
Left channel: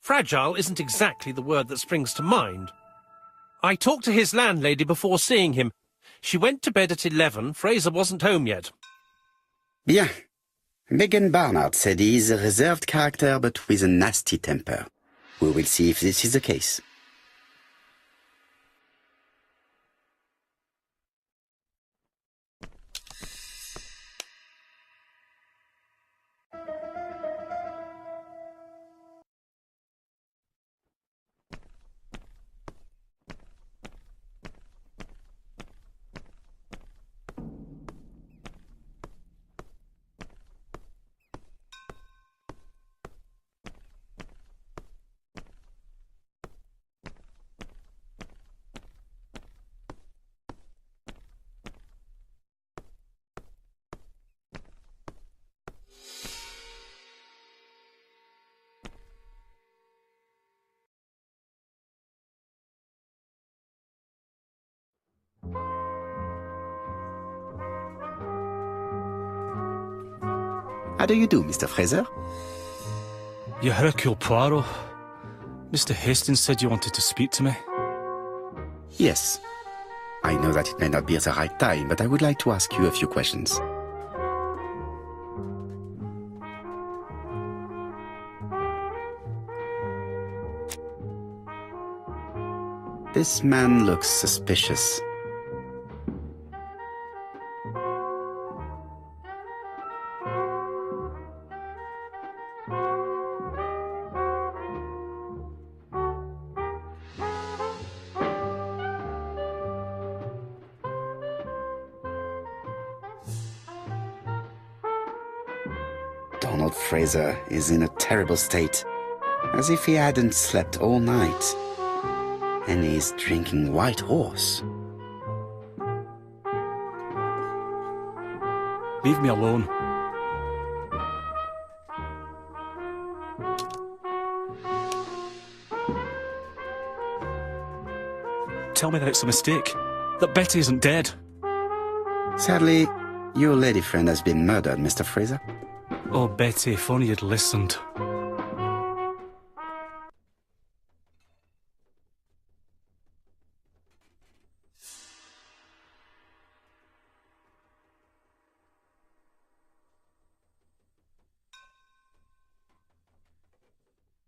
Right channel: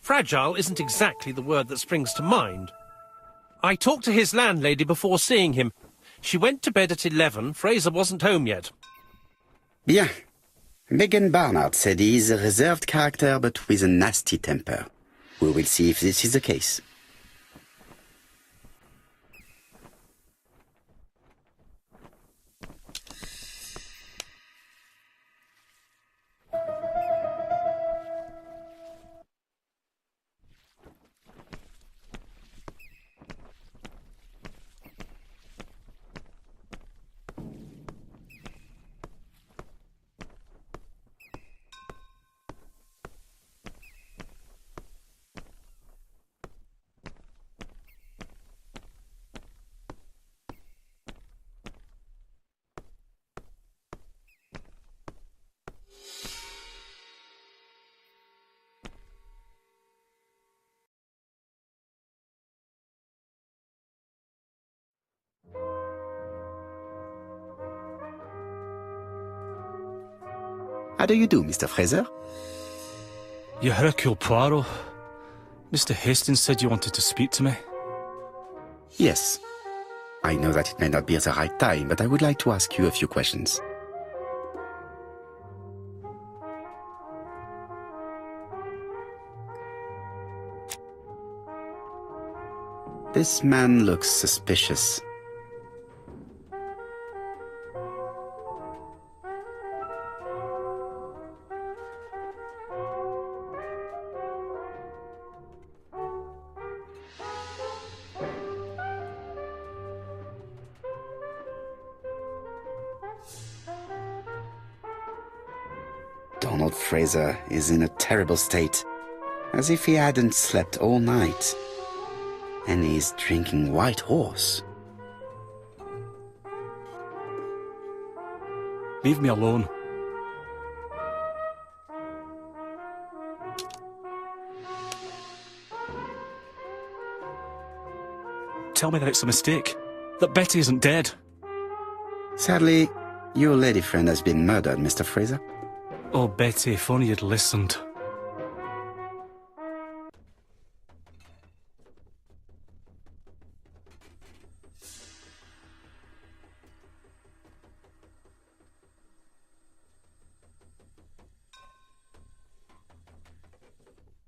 Fragile isn't exactly the word that springs to mind. I talked to his landlady before seeing him. She went to bed at 11. Fraser wasn't home yet. Bien. Megan Barnard said he is a reserved character but with a nasty temper. We will see if this is the case. How do you do, Mr. Fraser? You're Hercule Poirot. Mr. Hastings said you wanted to speak to me. Yes. I know that it may not be the right time, but I would like to ask you a few questions. This man looks suspicious. Donald Fraser is in a terrible state, as if he hadn't slept all night. And he's drinking White Horse. Leave me alone. Tell me that it's a mistake, that Betty isn't dead. Sadly, your lady friend has been murdered, Mr. Fraser. Oh, Betty, if only you'd listened.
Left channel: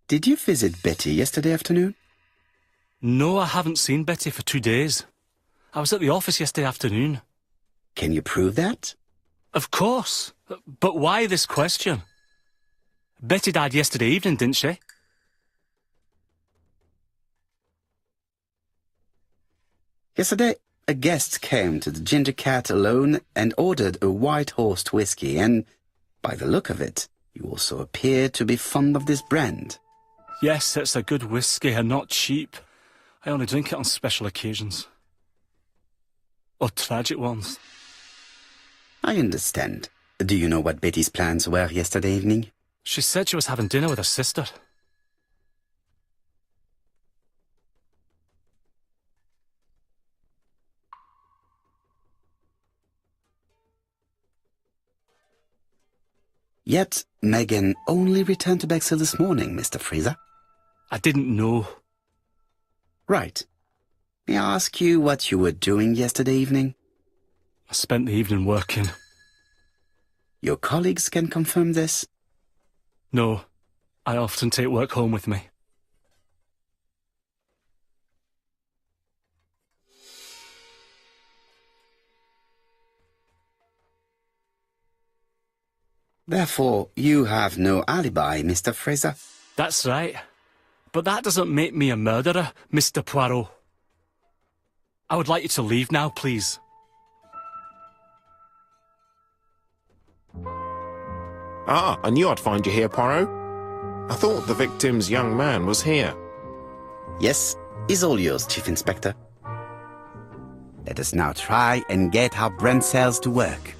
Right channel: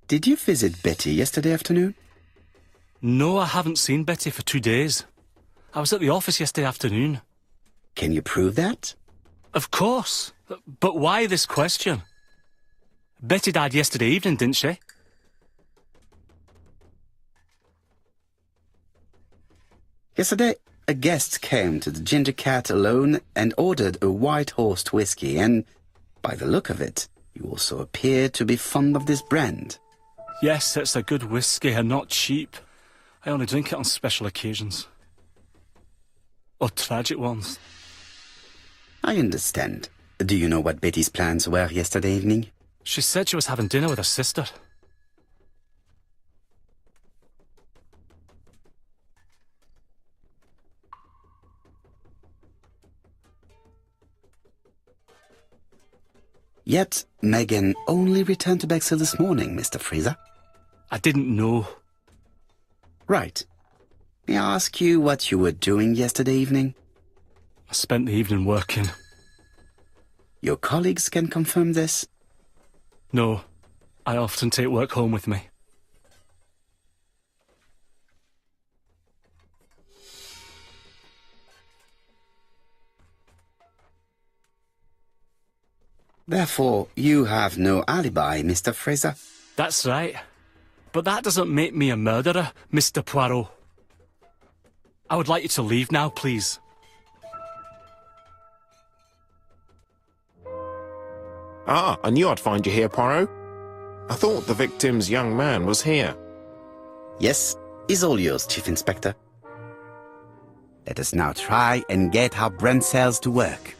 Did you visit Betty yesterday afternoon? No, I haven't seen Betty for 2 days. I was at the office yesterday afternoon. Can you prove that? Of course. But why this question? Betty died yesterday evening, didn't she? Yesterday, a guest came to the Ginger Cat alone and ordered a White Horse whiskey, and, by the look of it, you also appear to be fond of this brand. Yes, it's a good whiskey and not cheap. I only drink it on special occasions. Or tragic ones. I understand. Do you know what Betty's plans were yesterday evening? She said she was having dinner with her sister. Yet, Megan only returned to Bexhill this morning, Mr. Fraser. I didn't know. Right. May I ask you what you were doing yesterday evening? I spent the evening working. Your colleagues can confirm this? No, I often take work home with me. Therefore, you have no alibi, Mr. Fraser. That's right. But that doesn't make me a murderer, Mr. Poirot. I would like you to leave now, please. Ah, I knew I'd find you here, Poirot. I thought the victim's young man was here. Yes, is all yours, Chief Inspector. Let us now try and get our brain cells to work.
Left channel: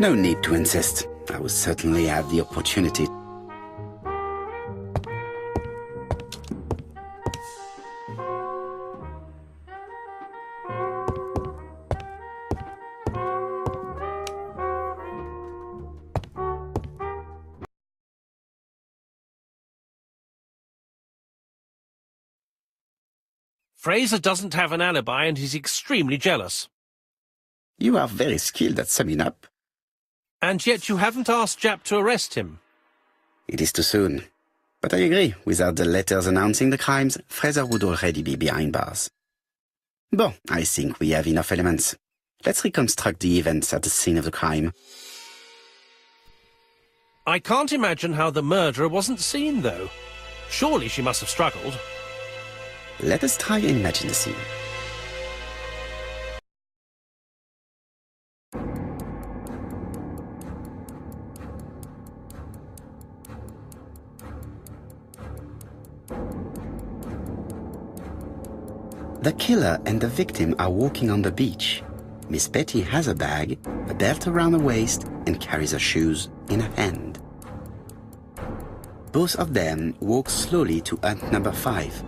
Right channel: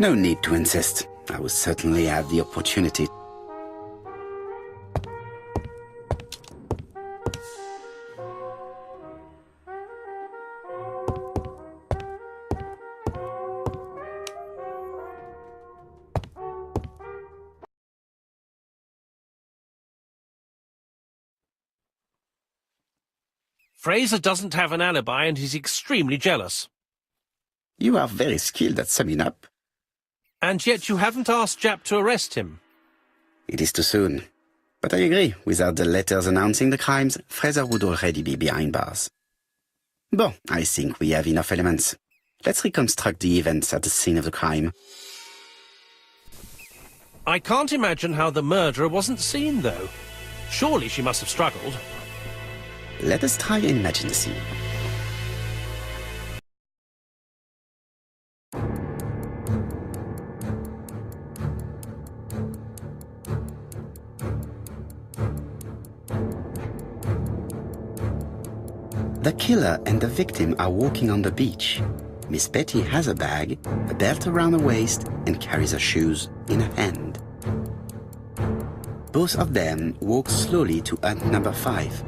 No need to insist. I will certainly have the opportunity. Fraser doesn't have an alibi and he's extremely jealous. You are very skilled at summing up. And yet you haven't asked Jap to arrest him. It is too soon. But I agree, without the letters announcing the crimes, Fraser would already be behind bars. Bon, I think we have enough elements. Let's reconstruct the events at the scene of the crime. I can't imagine how the murderer wasn't seen, though. Surely she must have struggled. Let us try and imagine the scene. The killer and the victim are walking on the beach. Miss Betty has a bag, a belt around her waist, and carries her shoes in her hand. Both of them walk slowly to hut number 5.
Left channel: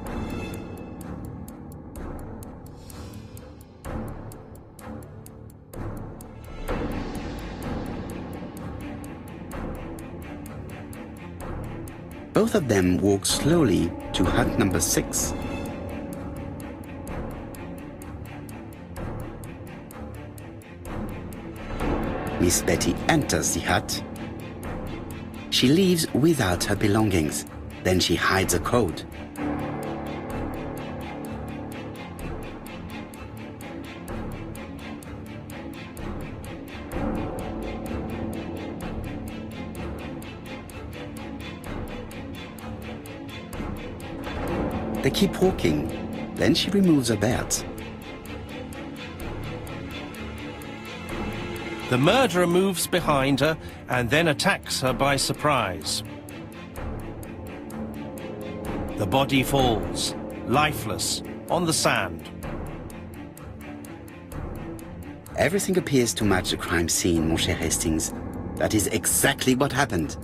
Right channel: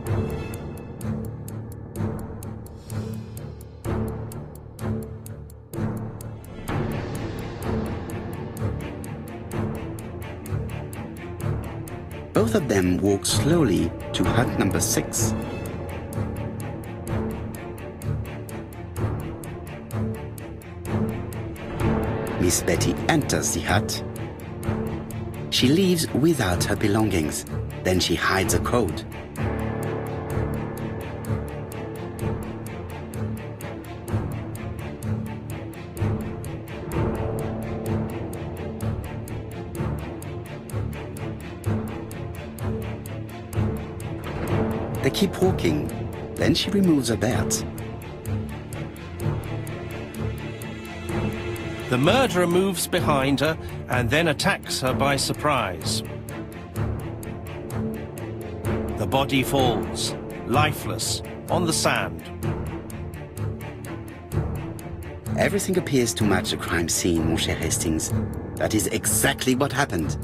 Both of them walk slowly to hut number 6. Miss Betty enters the hut. She leaves without her belongings. Then she hides a code. They keep walking. Then she removes her belt. The murderer moves behind her and then attacks her by surprise. The body falls, lifeless, on the sand. Everything appears to match the crime scene, mon cher Hastings. That is exactly what happened.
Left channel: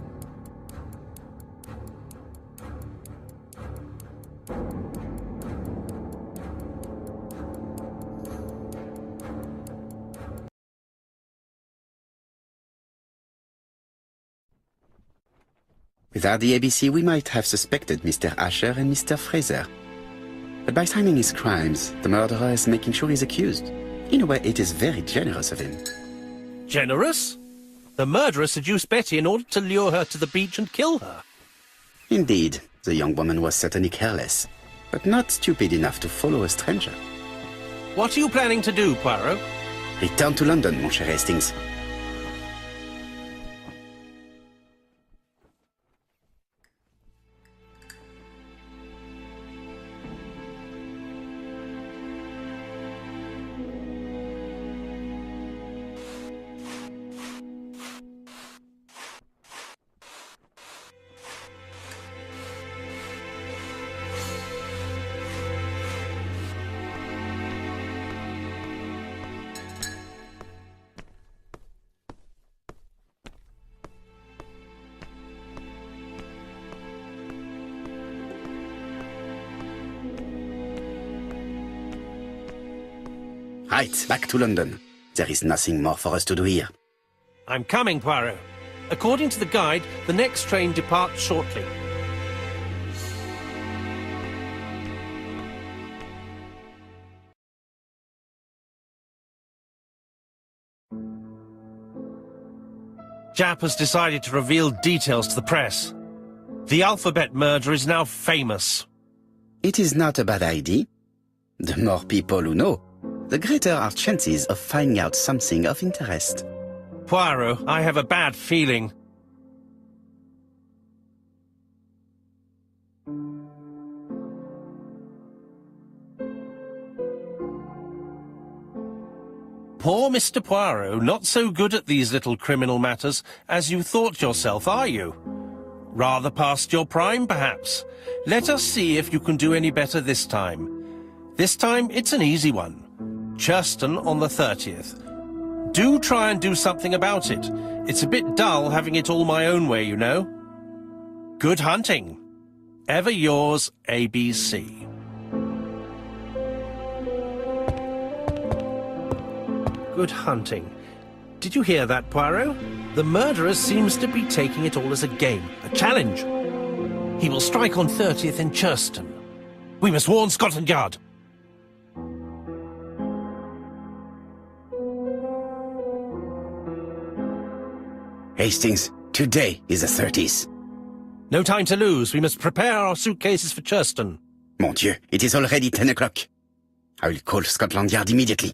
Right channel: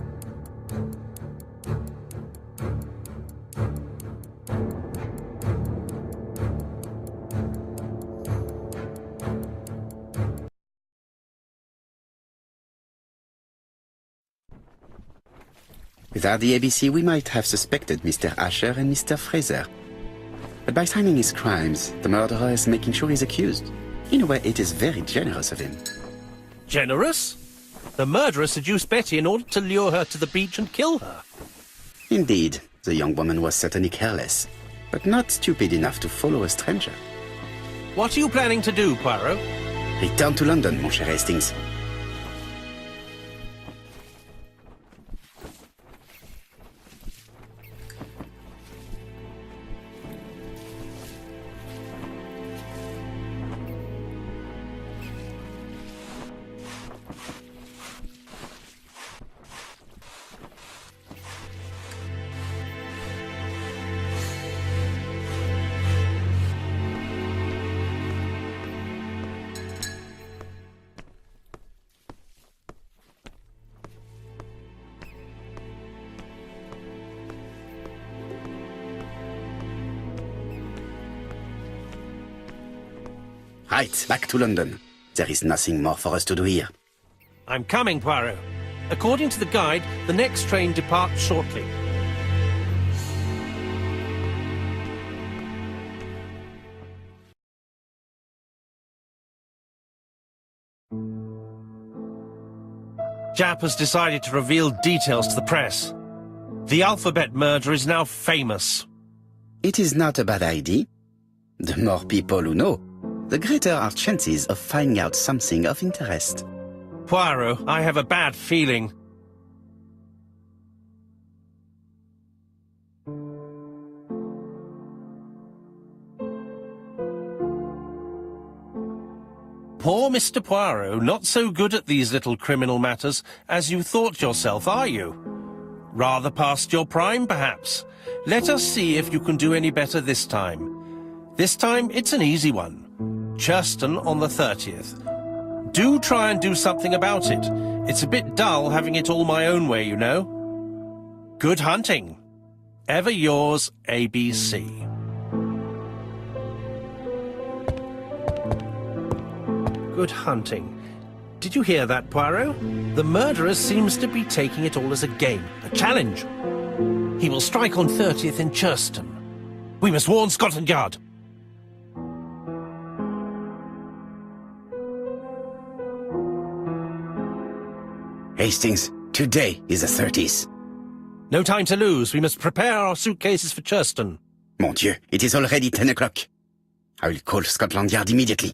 Without the ABC, we might have suspected Mr. Asher and Mr. Fraser. But by timing his crimes, the murderer is making sure he's accused. In a way, it is very generous of him. Generous? The murderer seduced Betty in order to lure her to the beach and kill her. Indeed, the young woman was certainly careless, but not stupid enough to follow a stranger. What are you planning to do, Poirot? Return to London, mon cher Hastings. Right, back to London. There is nothing more for us to do here. I'm coming, Poirot. According to the guide, the next train departs shortly. Jap has decided to reveal details to the press. The alphabet murder is now famous. It is not a bad idea. The more people who know, the greater our chances of finding out something of interest. Poirot, I have a bad feeling. Poor Mr. Poirot, not so good at these little criminal matters as you thought yourself, are you? Rather past your prime, perhaps. Let us see if you can do any better this time. This time, it's an easy one. Churston on the 30th. Do try and do something about it. It's a bit dull having it all my own way, you know. Good hunting. Ever yours, ABC. Good hunting. Did you hear that, Poirot? The murderer seems to be taking it all as a game, a challenge. He will strike on 30th in Churston. We must warn Scotland Yard. Hastings, today is the 30th. No time to lose. We must prepare our suitcases for Churston. Mon Dieu, it is already 10 o'clock. I will call Scotland Yard immediately.